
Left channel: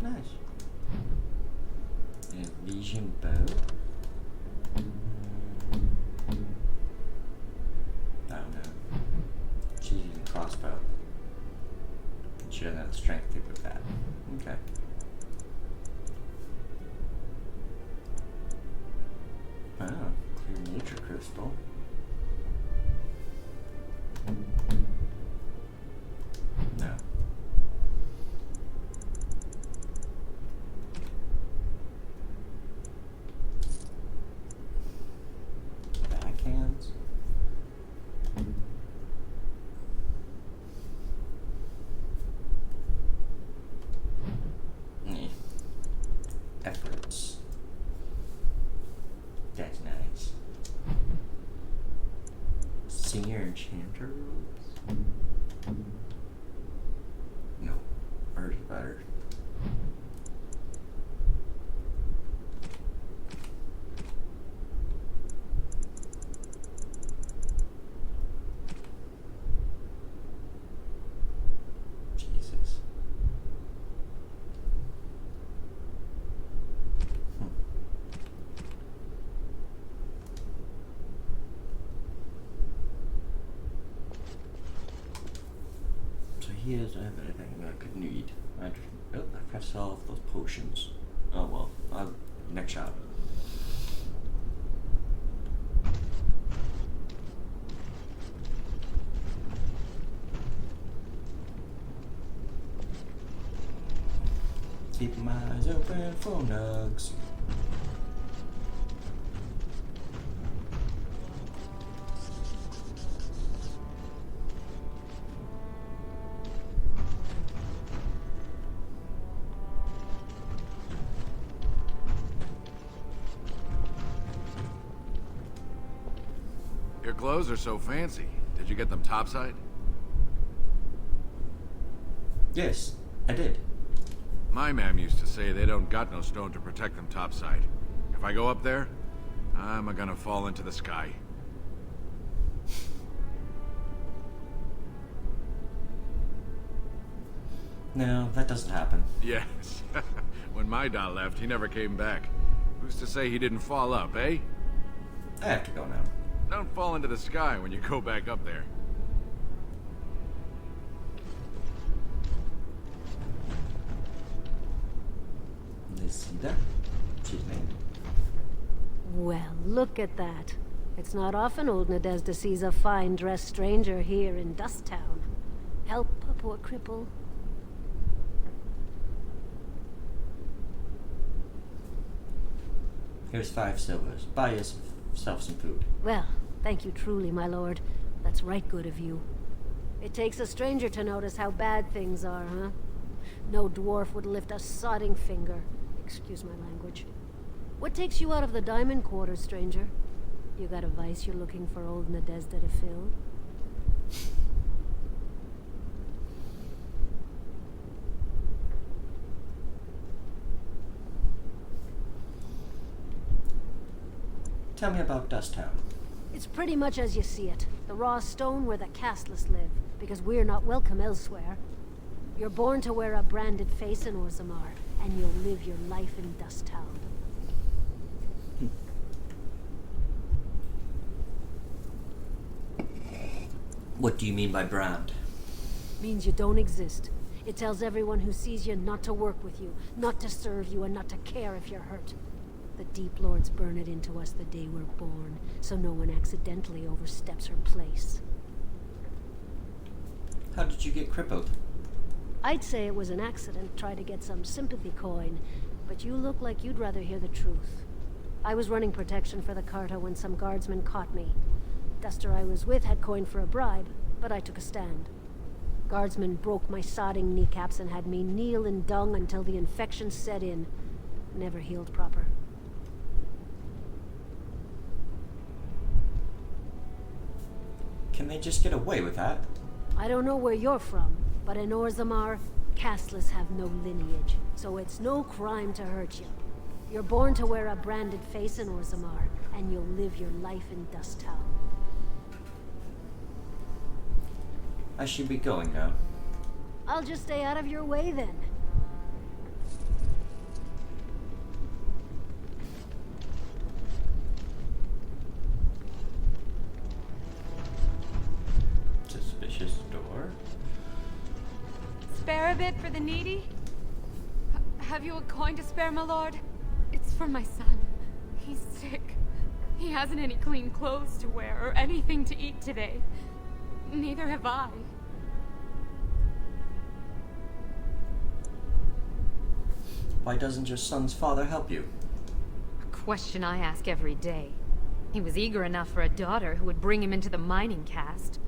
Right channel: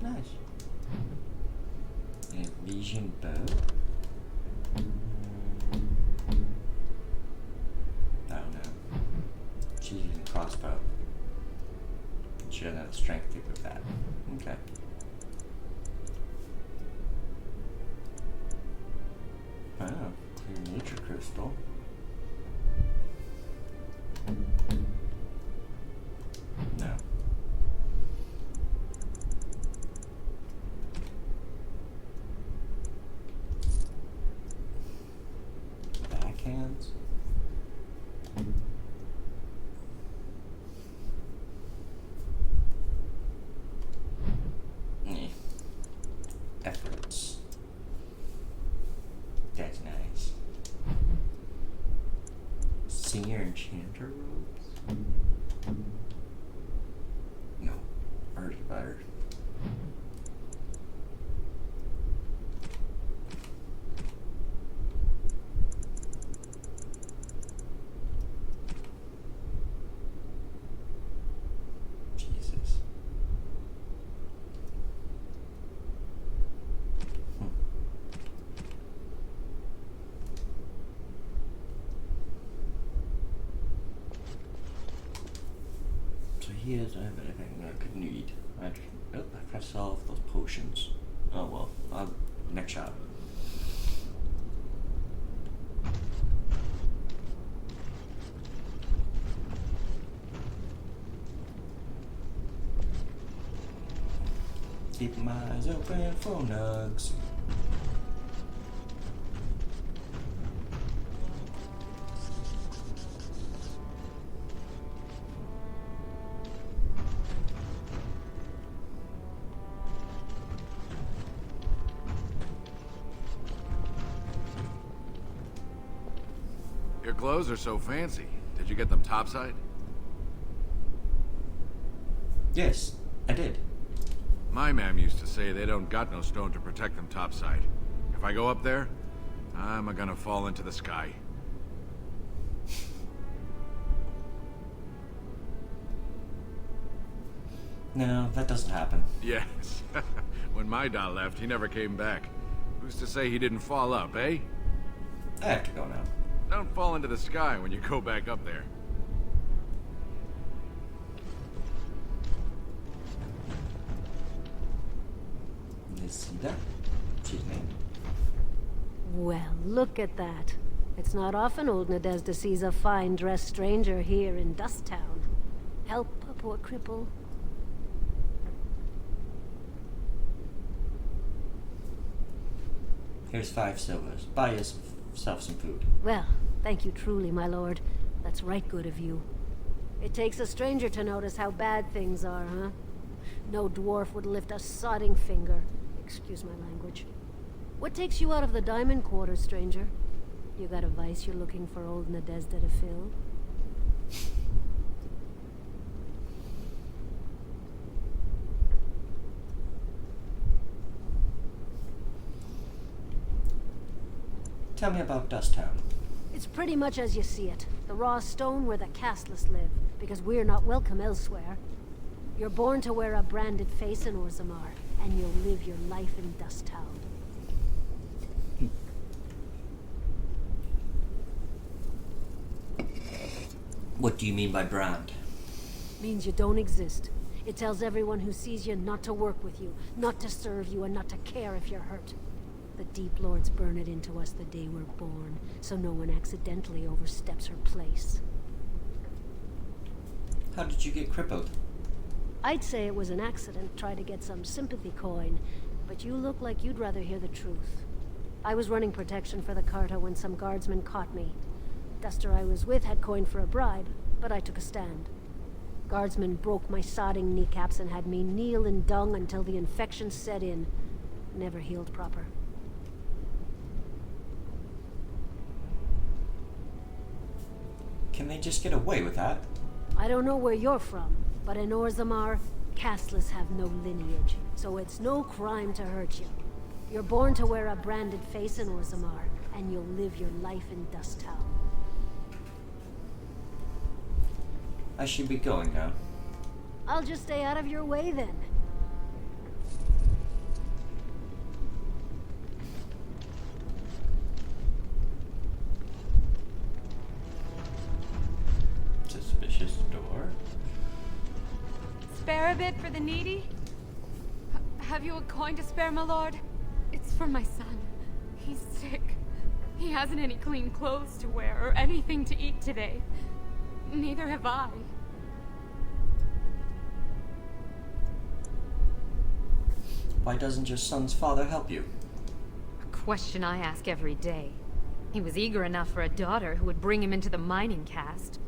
Nice. A vision bow. I don't know. She's using crossbow. She doesn't have the strength to equip that. Okay. Oh, clear nature crystal. No. Backhands. Efforts. That's nice. Singer Enchanter rules? No. Hers better. Jesus. So here's everything I could need. I forgot to sell off those potions. Oh well, next shop. Keep my eyes open for nugs. Your clothes are so fancy. Did you get them topside? Yes, I did. My mam used to say they don't got no stone to protect them topside. If I go up there, I'm gonna fall into the sky. No, that doesn't happen. Yes. When my dad left, he never came back. Who's to say he didn't fall up, eh? I have to go now. Don't fall into the sky when you go back up there. Nisida? She's named. Well, look at that. It's not often old Nadezhda sees a fine-dressed stranger here in Dust Town. Help a poor cripple. Here's 5 silvers. Buy yourself some food. Well, thank you truly, my lord. That's right good of you. It takes a stranger to notice how bad things are, huh? No dwarf would lift a sodding finger. Excuse my language. What takes you out of the diamond quarter, stranger? You got a vice you're looking for old Nadezhda to fill? Tell me about Dust Town. It's pretty much as you see it. The raw stone where the casteless live, because we're not welcome elsewhere. You're born to wear a branded face in Orzamar, and you'll live your life in Dust Town. What do you mean by brand? Means you don't exist. It tells everyone who sees you not to work with you, not to serve you, and not to care if you're hurt. The Deep Lords burn it into us the day we're born, so no one accidentally oversteps her place. How did you get crippled? I'd say it was an accident, try to get some sympathy coin, but you look like you'd rather hear the truth. I was running protection for the Carta when some guardsmen caught me. Duster I was with had coin for a bribe, but I took a stand. Guardsmen broke my sodding kneecaps and had me kneel in dung until the infection set in. never healed proper. Can they just get away with that? I don't know where you're from, but in Orzamar, casteless have no lineage, so it's no crime to hurt you. You're born to wear a branded face in Orzamar, and you'll live your life in Dust Town. I should be going now. I'll just stay out of your way then. Suspicious door. Spare a bit for the needy? Have you a coin to spare, my lord? It's for my son. He's sick. He hasn't any clean clothes to wear or anything to eat today. Neither have I. Why doesn't your son's father help you? A question I ask every day. He was eager enough for a daughter who would bring him into the mining caste.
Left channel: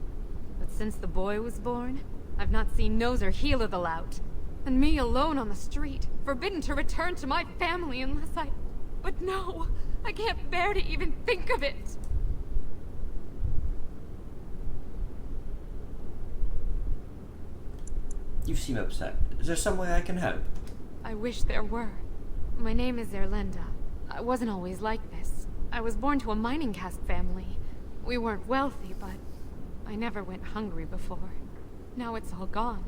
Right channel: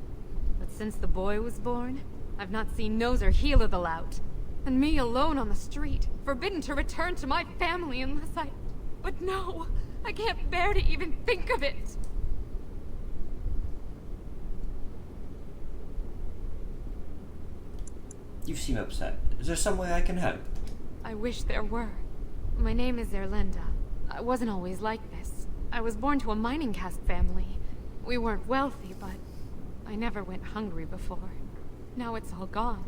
But since the boy was born, I've not seen nose or heel of the lout. And me alone on the street, forbidden to return to my family unless I... But no! I can't bear to even think of it! You seem upset. Is there some way I can help? I wish there were. My name is Erlenda. I wasn't always like this. I was born to a mining caste family. We weren't wealthy, but I never went hungry before. Now it's all gone,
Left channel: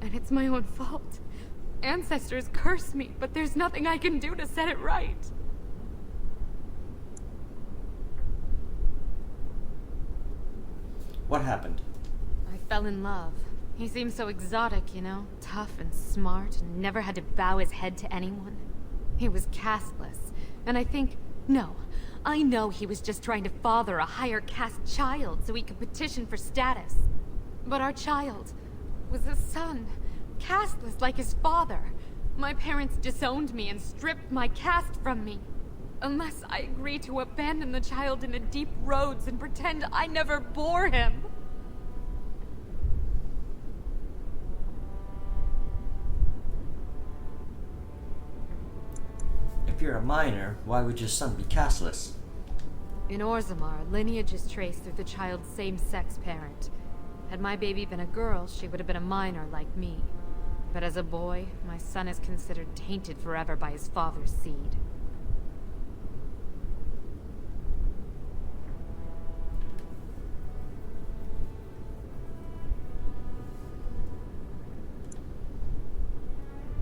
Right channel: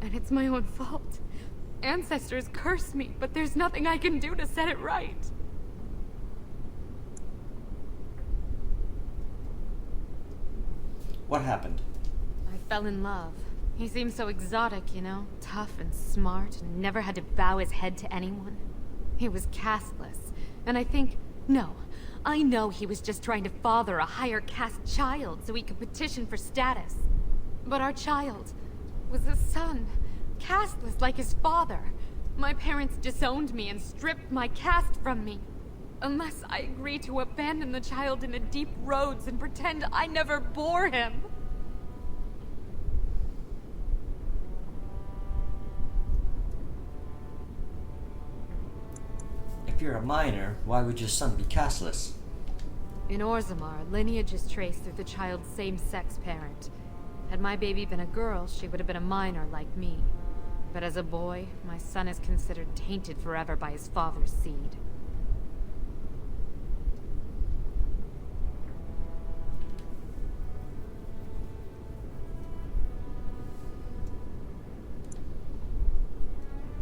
and it's my own fault. Ancestors curse me, but there's nothing I can do to set it right. What happened? I fell in love. He seemed so exotic, you know? Tough and smart, and never had to bow his head to anyone. He was casteless, and I know he was just trying to father a higher caste child so he could petition for status. But our child was a son, casteless like his father. My parents disowned me and stripped my caste from me. Unless I agree to abandon the child in the deep roads and pretend I never bore him. If you're a minor, why would your son be casteless? In Orzamar, lineage is traced through the child's same-sex parent. Had my baby been a girl, she would have been a minor like me. But as a boy, my son is considered tainted forever by his father's seed.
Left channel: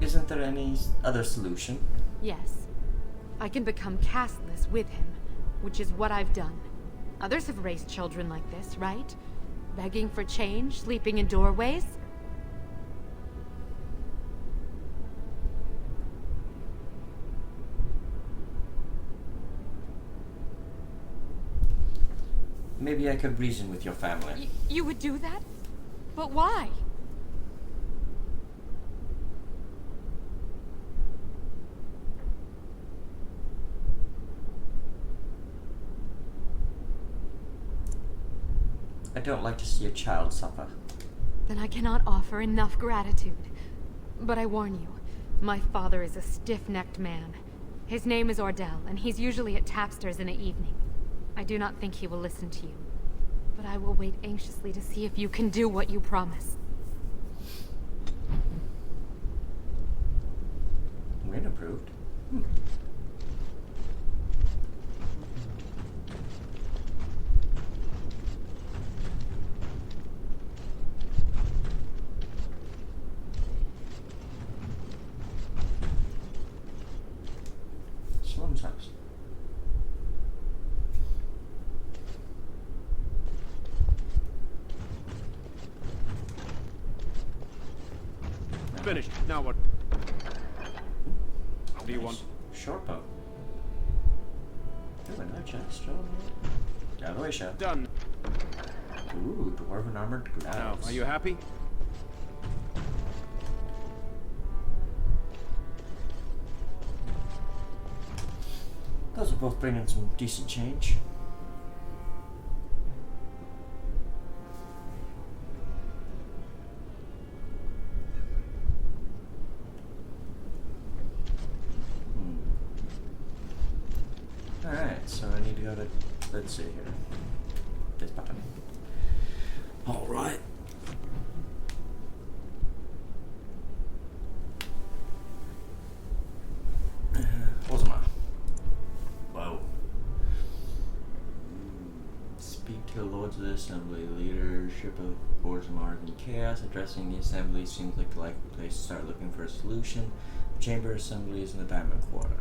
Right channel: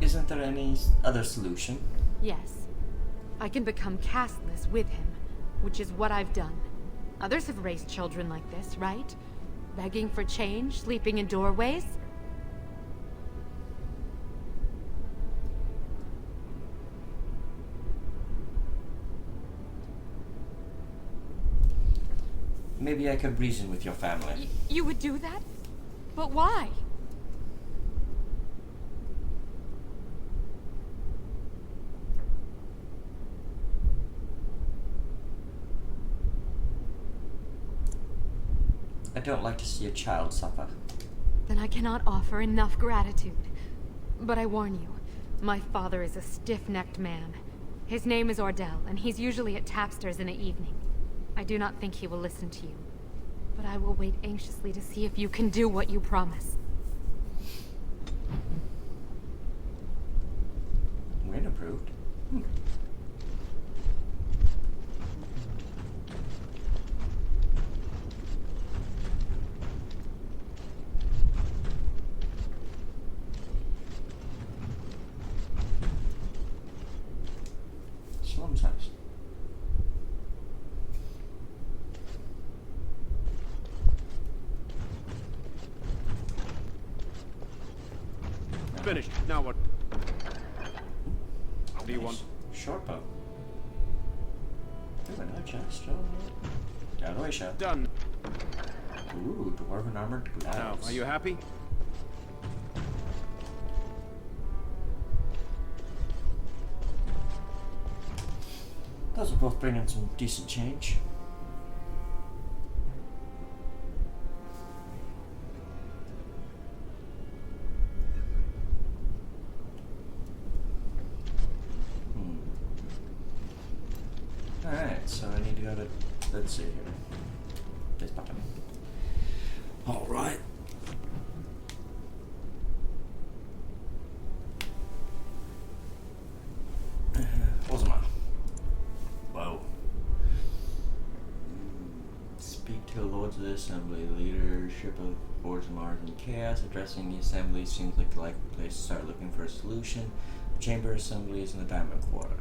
Isn't there any other solution? Yes. I can become casteless with him, which is what I've done. Others have raised children like this, right? Begging for change, sleeping in doorways? Maybe I could reason with your family. You would do that? But why? I don't like to see a child suffer. Then I cannot offer enough gratitude. But I warn you, my father is a stiff-necked man. His name is Ordell, and he's usually at tapsters in the evening. I do not think he will listen to you. But I will wait anxiously to see if you can do what you promise. Win approved. Slum's house. Finished. Now what? What do you want? Short bow. Ooh, another chest. Out of the way, chef. Done. Ooh, dwarven armored gloves. Now, are you happy? Those will both bring in some decent change. of it. Let's see here. This button. Alright. Orzamar. Whoa. Speak to the Lords of the Assembly. Leadership of Orzamar is in chaos. Addressing the Assembly seems like the likely place to start looking for a solution. The Chamber Assembly is in the Diamond Quarter.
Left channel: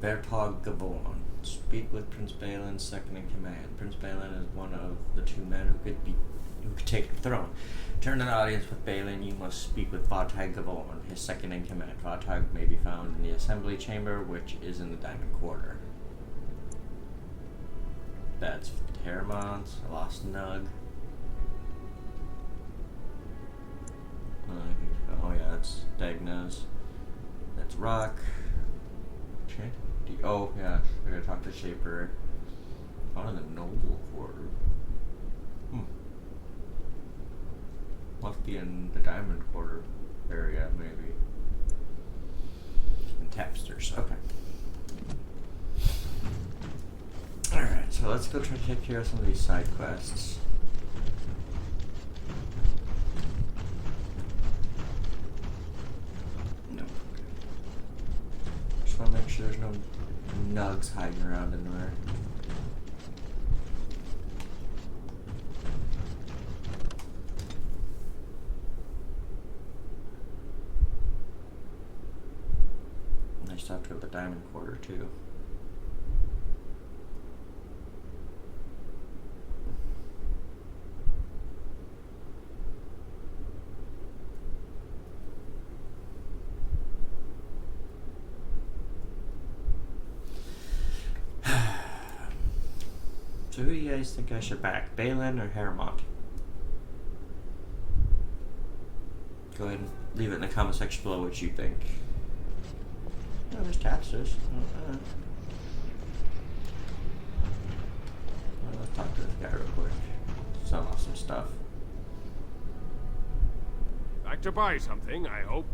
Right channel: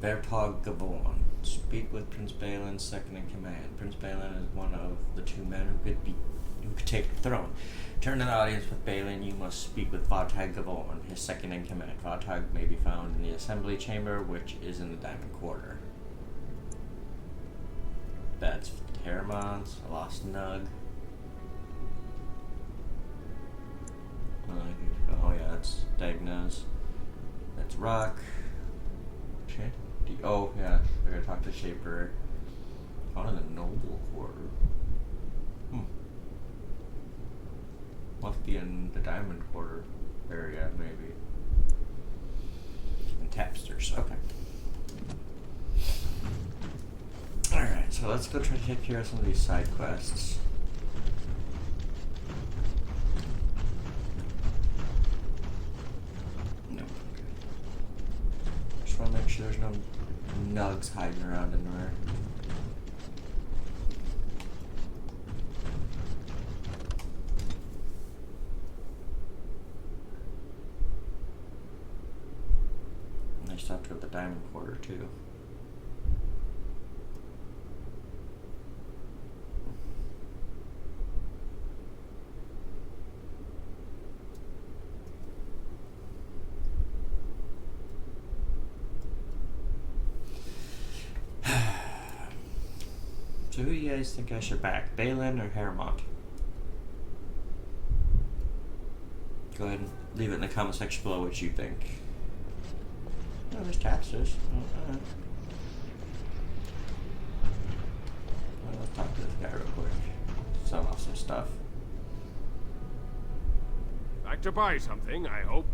Vertog Gavorn. Speak with Prince Balin, second in command. Prince Balin is one of the two men who could take the throne. Turn an audience with Balin, you must speak with Vartag Gavorn, his second in command. Vartag may be found in the Assembly Chamber, which is in the Diamond Quarter. That's Terramont, a lost Nug. Oh yeah, that's Dagnaz. That's Rock. Oh yeah, I gotta talk to Shaper. Found in the Noble Quarter. Must be in the Diamond Quarter area, maybe. And Tapsters, okay. Alright, so let's go try to take care of some of these side quests. No. Just wanna make sure there's no nugs hiding around anywhere. And I still have to go to the Diamond Quarter too. So who do you guys think I should back? Balin or Terramont? Go ahead and leave it in the comment section below what you think. Oh, there's Tapsters. Well, let's talk to this guy real quick. Sell off some stuff. Back to buy something, I hope.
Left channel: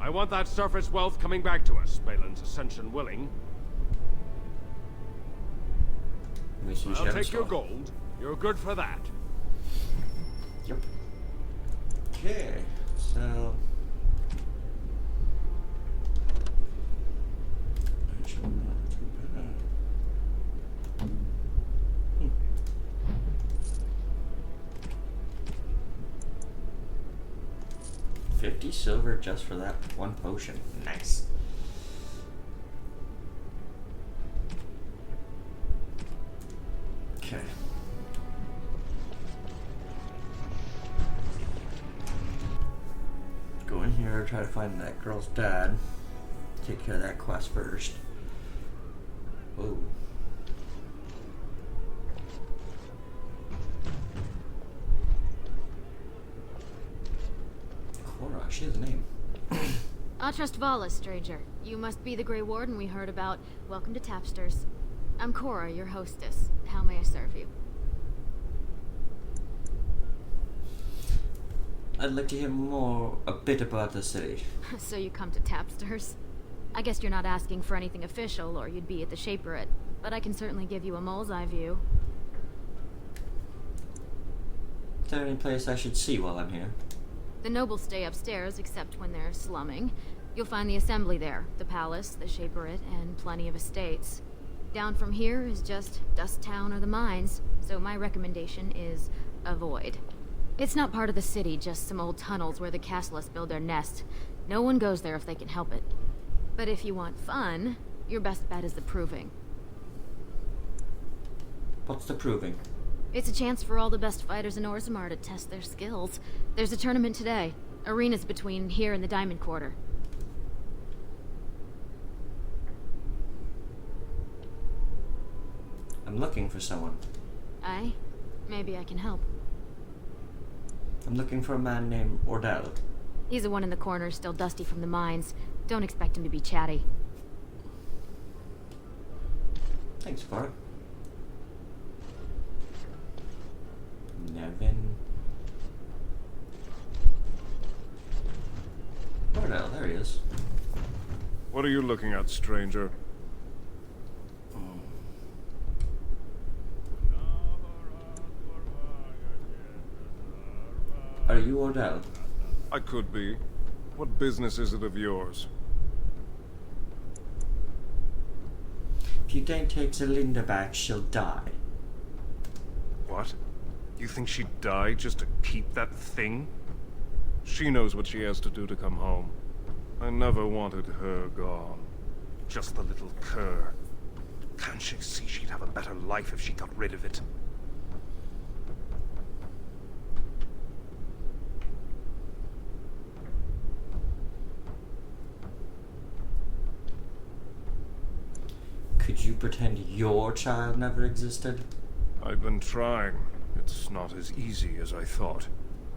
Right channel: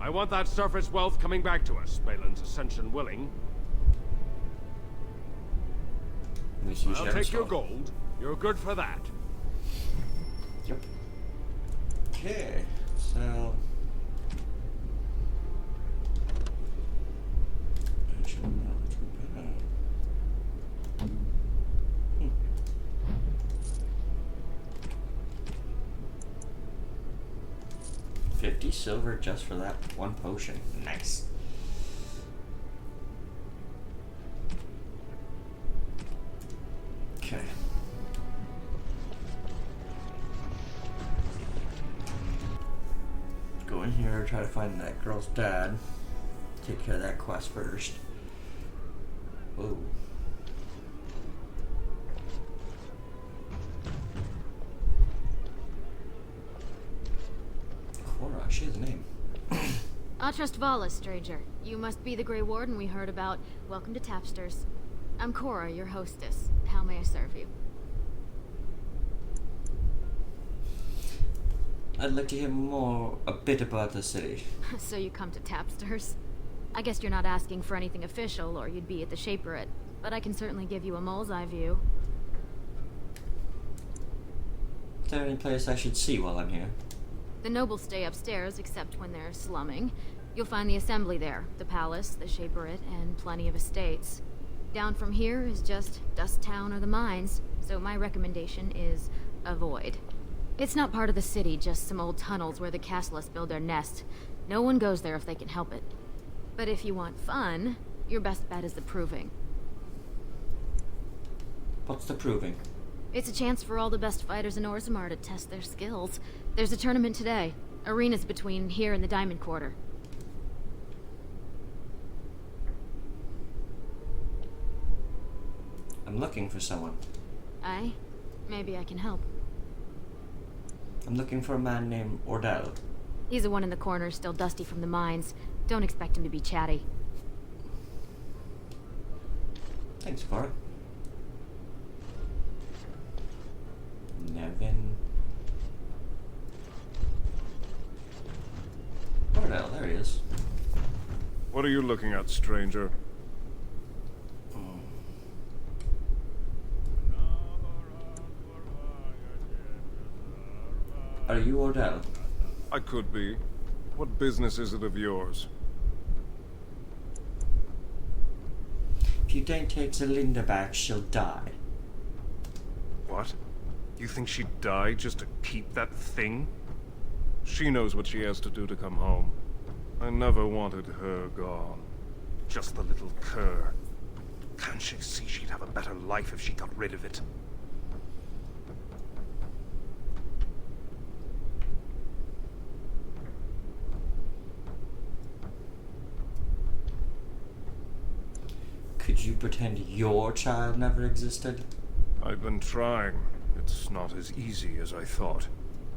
I want that surface wealth coming back to us, Balin's ascension willing. I'll take your gold. You're good for that. Yep. Okay, so... Actually, not too bad. 50 silver just for that one potion. Nice. Okay. Go in here, try to find that girl's dad. Take care of that quest first. Whoa. Cora, she has a name. Atrust Vala, stranger. You must be the Grey Warden we heard about. Welcome to Tapsters. I'm Cora, your hostess. How may I serve you? I'd like to hear a bit about the city. So you come to Tapsters? I guess you're not asking for anything official, or you'd be at the Shaperate. But I can certainly give you a mole's eye view. Is there any place I should see while I'm here? The nobles stay upstairs, except when they're slumming. You'll find the assembly there, the palace, the Shaperate, and plenty of estates. Down from here is just Dust Town or the mines, so my recommendation is avoid. It's not part of the city, just some old tunnels where the Castlists build their nest. No one goes there if they can help it. But if you want fun, your best bet is the Proving. What's the Proving? It's a chance for all the best fighters in Orzamar to test their skills. There's a tournament today. Arenas between here and the Diamond Quarter. I'm looking for someone. Aye? Maybe I can help. I'm looking for a man named Ordell. He's the one in the corner, still dusty from the mines. Don't expect him to be chatty. Thanks, Cora. Nevin. Ordell, there he is. What are you looking at, stranger? Are you Odell? I could be. What business is it of yours? If you don't take Zelinda back, she'll die. What? You think she'd die just to keep that thing? She knows what she has to do to come home. I never wanted her gone. Just the little cur. Can't she see she'd have a better life if she got rid of it? Could you pretend your child never existed? I've been trying. It's not as easy as I thought.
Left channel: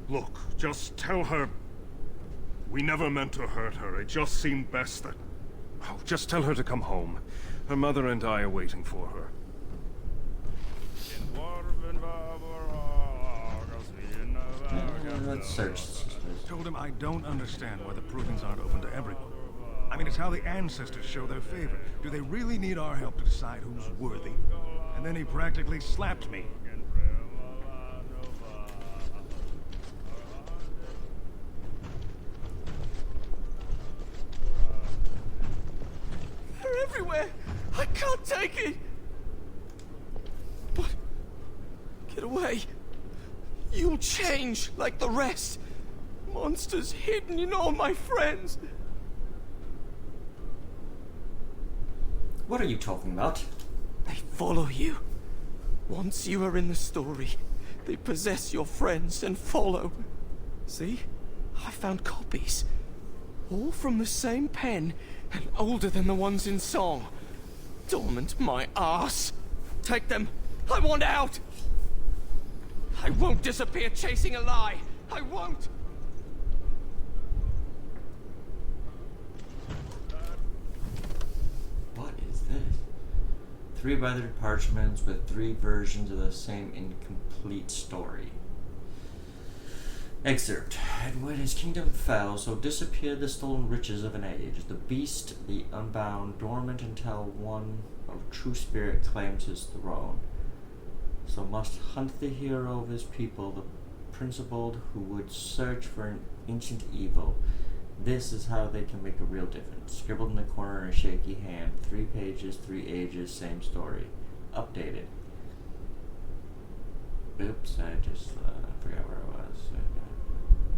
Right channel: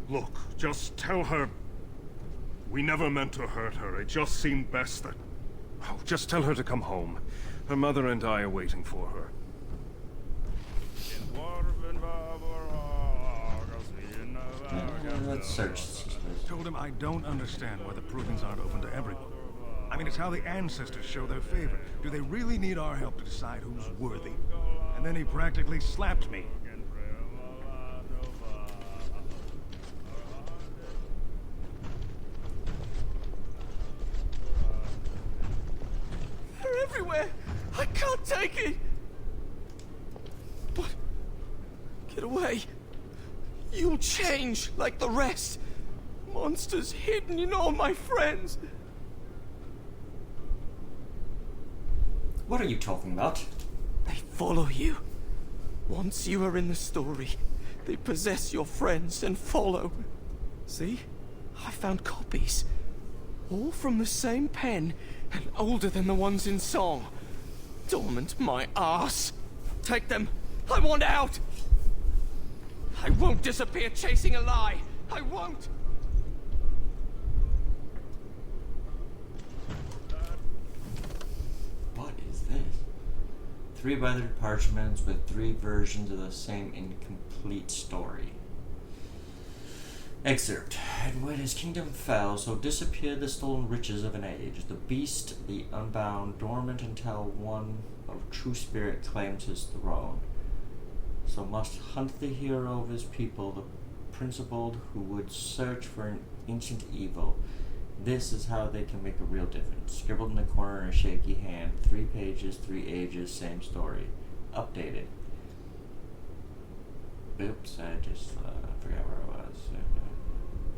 Look, just tell her... We never meant to hurt her. It just seemed best that... Oh, just tell her to come home. Her mother and I are waiting for her. Let's search. Told him I don't understand why the provings aren't open to everyone. I mean, it's how the ancestors show their favor. Do they really need our help to decide who's worthy? And then he practically slapped me. They're everywhere! I can't take it! But... get away. You'll change like the rest. Monsters hidden in all my friends. What are you talking about? They follow you. Once you are in the story, they possess your friends and follow. See? I found copies. All from the same pen, and older than the ones in song. Dormant my ass. Take them. I want out. I won't disappear chasing a lie. I won't. What is this? 3 weathered parchments with 3 versions of the same incomplete story. Excerpt. And when his kingdom fell, so disappeared the stolen riches of an age. The beast, the unbound, dormant until one of true spirit claims his throne. So must hunt the hero of his people, the principled who would search for an ancient evil. This is how they can make a real difference. Scribbled in the corner in a shaky hand. 3 pages, 3 ages, same story. Updated. Oops, I just forgot where I was.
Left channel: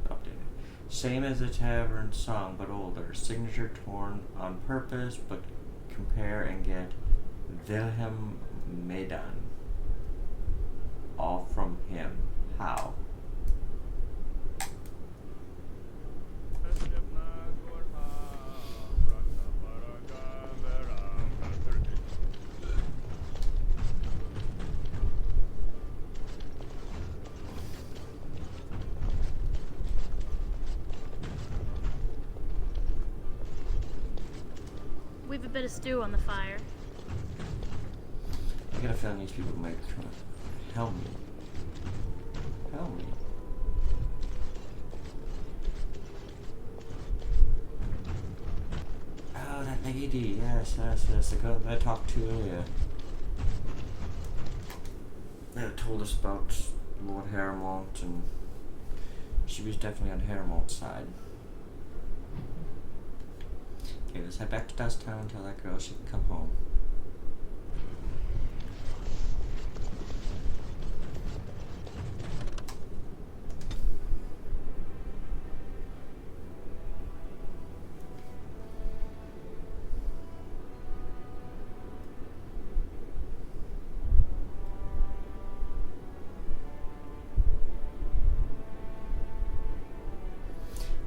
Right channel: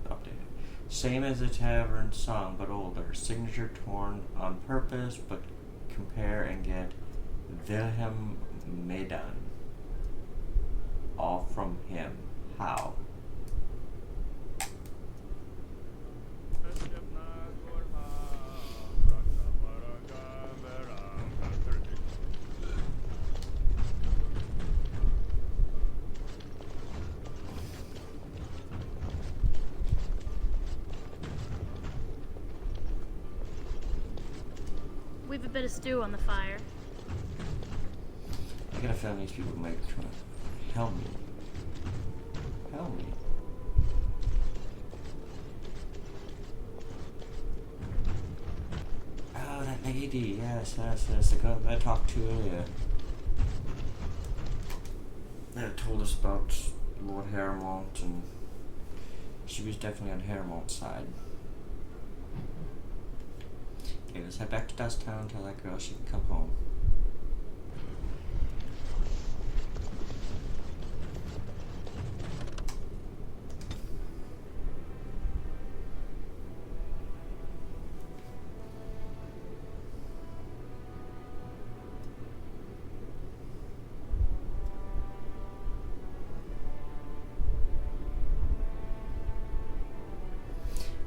Updated. Same as the tavern song, but older. Signature torn on purpose, but compare and get Wilhelm Medan. All from him. How? We've a bit of stew on the fire. I got a feeling these people might try to help me. Help me. Oh, that lady. Yes, the girl that I talked to earlier. That told us about Lord Harrowmont, and she was definitely on Harrowmont's side. Okay, let's head back to Dusttown and tell that girl she can come home.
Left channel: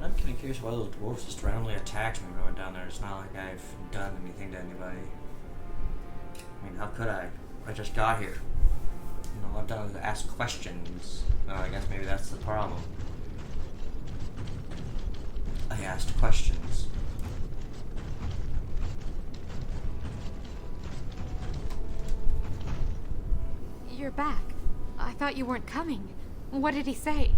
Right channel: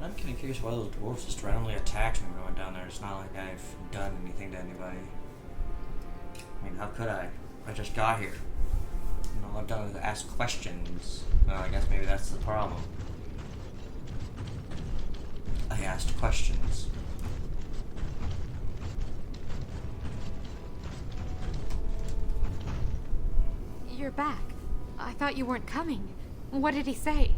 I'm kind of curious why those dwarves just randomly attacked me when I went down there. It's not like I've done anything to anybody. I mean, how could I? I just got here. You know, all I've done is ask questions. Well, I guess maybe that's the problem. I asked questions. You're back. I thought you weren't coming. What did he say?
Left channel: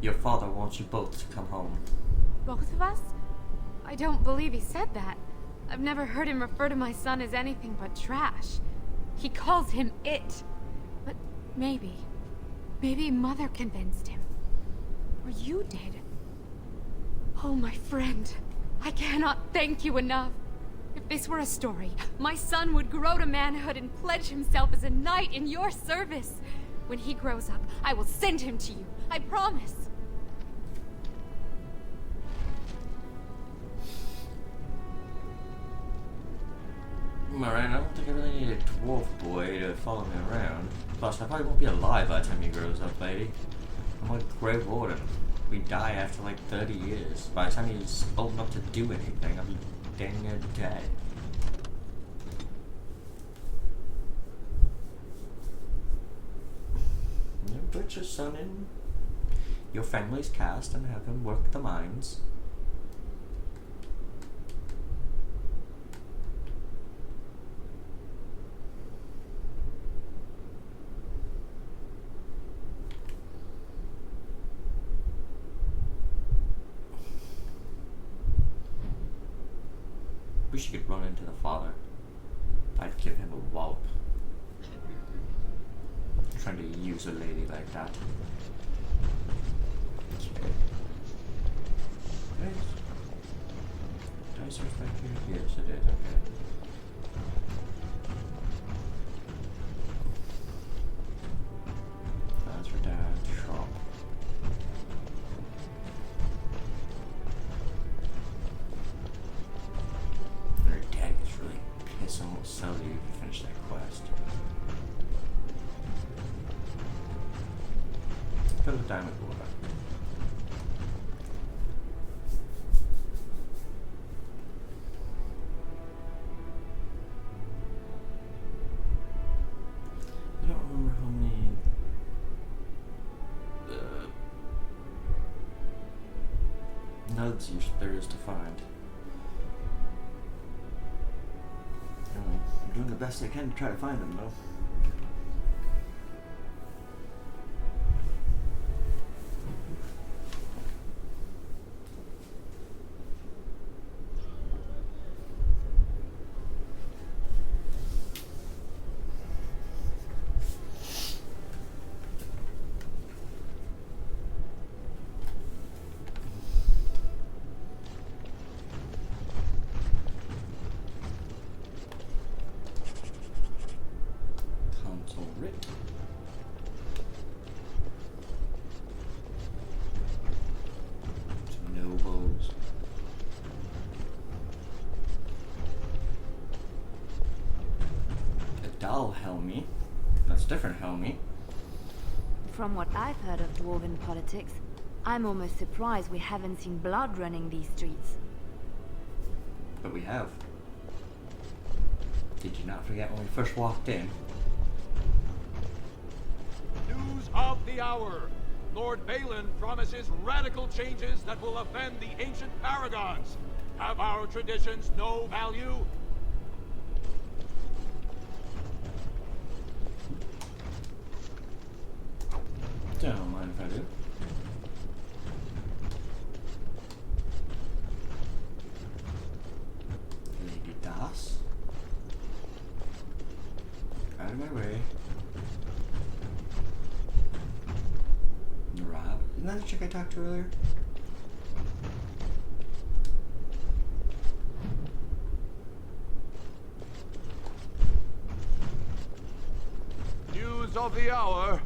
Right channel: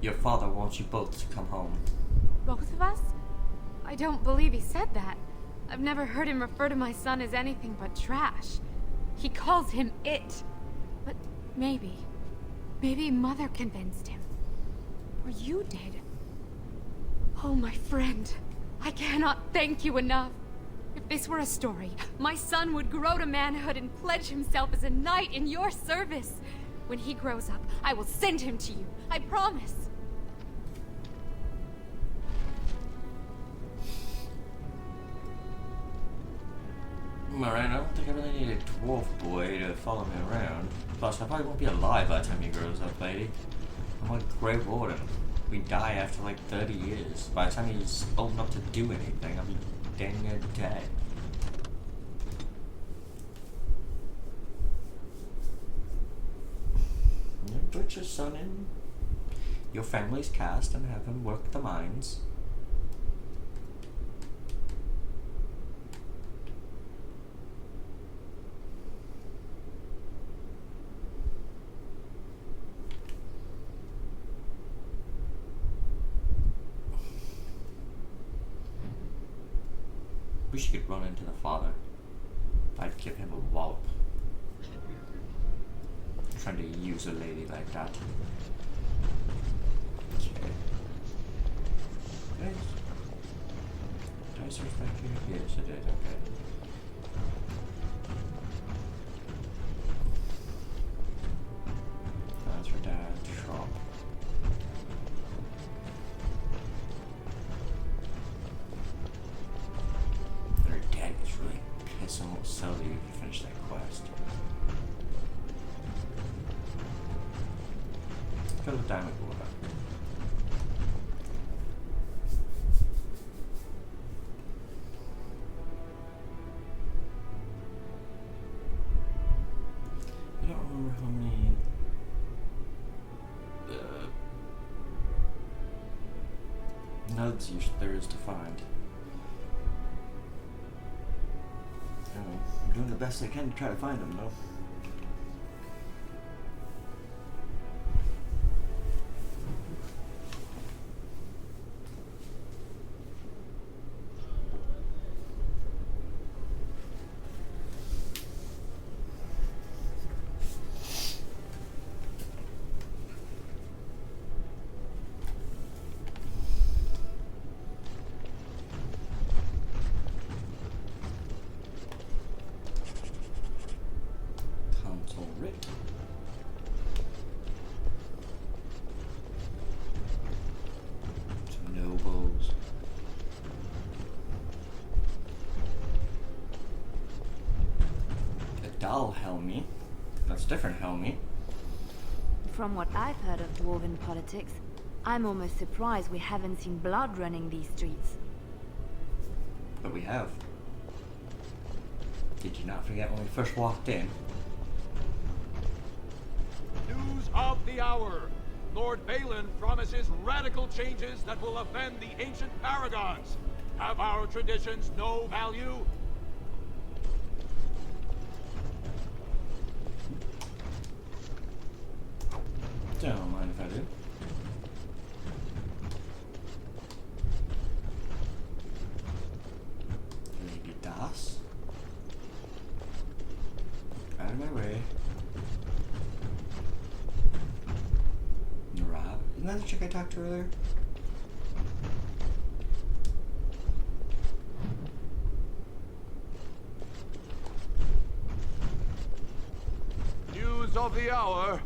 Your father wants you both to come home. Both of us? I don't believe he said that. I've never heard him refer to my son as anything but trash. He calls him it. But maybe Mother convinced him. Or you did. Oh, my friend. I cannot thank you enough. If this were a story, my son would grow to manhood and pledge himself as a knight in your service. When he grows up, I will send him to you. I promise. Alright, I don't think I really need a dwarf boy to follow me around. Plus, I probably won't be alive by the time he grows up, lady. I'm like Grey Warden. We die after like 30 years. By the time he's old enough to do anything, I'll be dang near dead. You put your son in your family's cast and have him work the mines. Wish you could run into the father. I'd give him a wallop. Trying to use a lady like that. Okay. Did I search back here? Yes, I did. Okay. That's for Dad's shop. Their dad is really pissed and won't sell you if you finish that quest. Fill the diamond water. I don't remember how many nodes there is to find. I'm doing the best I can to try to find them, though. Helmy. That's different, Helmy. From what I've heard of dwarven politics, I'm almost surprised we haven't seen blood running these streets. But we have. Did you not forget when we first walked in? News of the hour! Lord Balin promises radical changes that will offend the ancient paragons. Have our traditions no value? Don't mind if I do. Lady Das. Out of my way. Narab. Isn't that the chick I talked to earlier? News of the hour.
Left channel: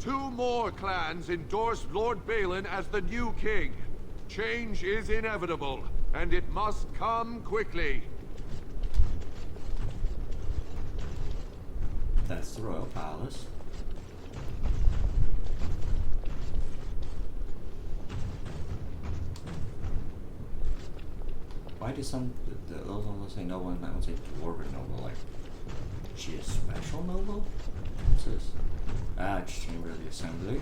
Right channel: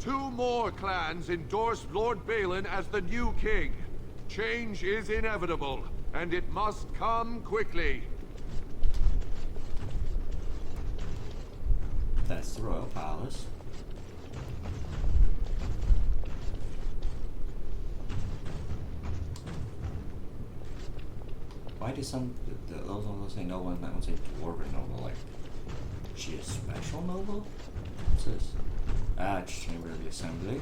2 more clans endorsed Lord Balin as the new king. Change is inevitable, and it must come quickly. That's the royal palace. Why do some those ones say noble and that one say dwarven noble? Like, she is special noble? What's this? Ah, it's Chamber of the Assembly.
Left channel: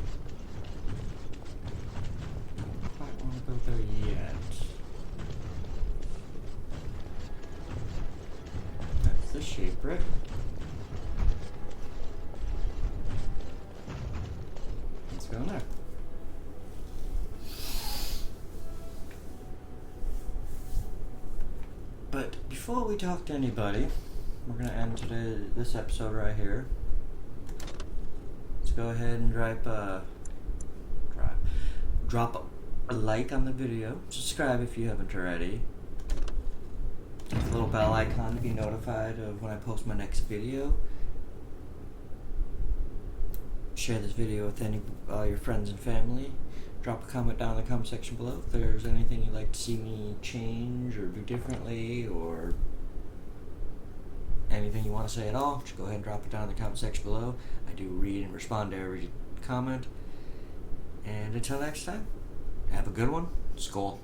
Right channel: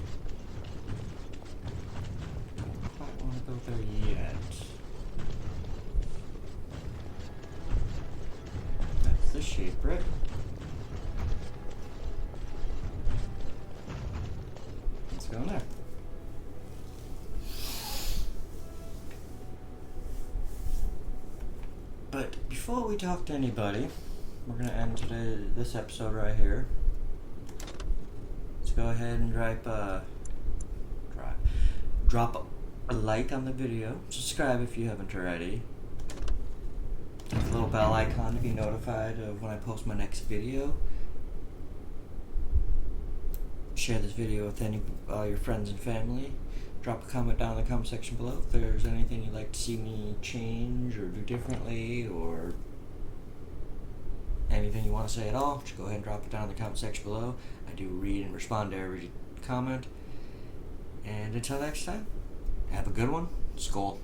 Don't quite want to go there yet. That's the Shaperate. Let's go in there. But before we talk to anybody, we're gonna end this episode right here. Let's go ahead and drop a like on the video. Subscribe if you haven't already. Hit the little bell icon to be notified of when I post my next video. Share this video with your friends and family. Drop a comment down in the comment section below if there's anything you'd like to see me change or do differently, or anything you want to say at all. Just go ahead and drop it down in the comment section below. I do read and respond to every comment. And until next time, have a good one. Skål.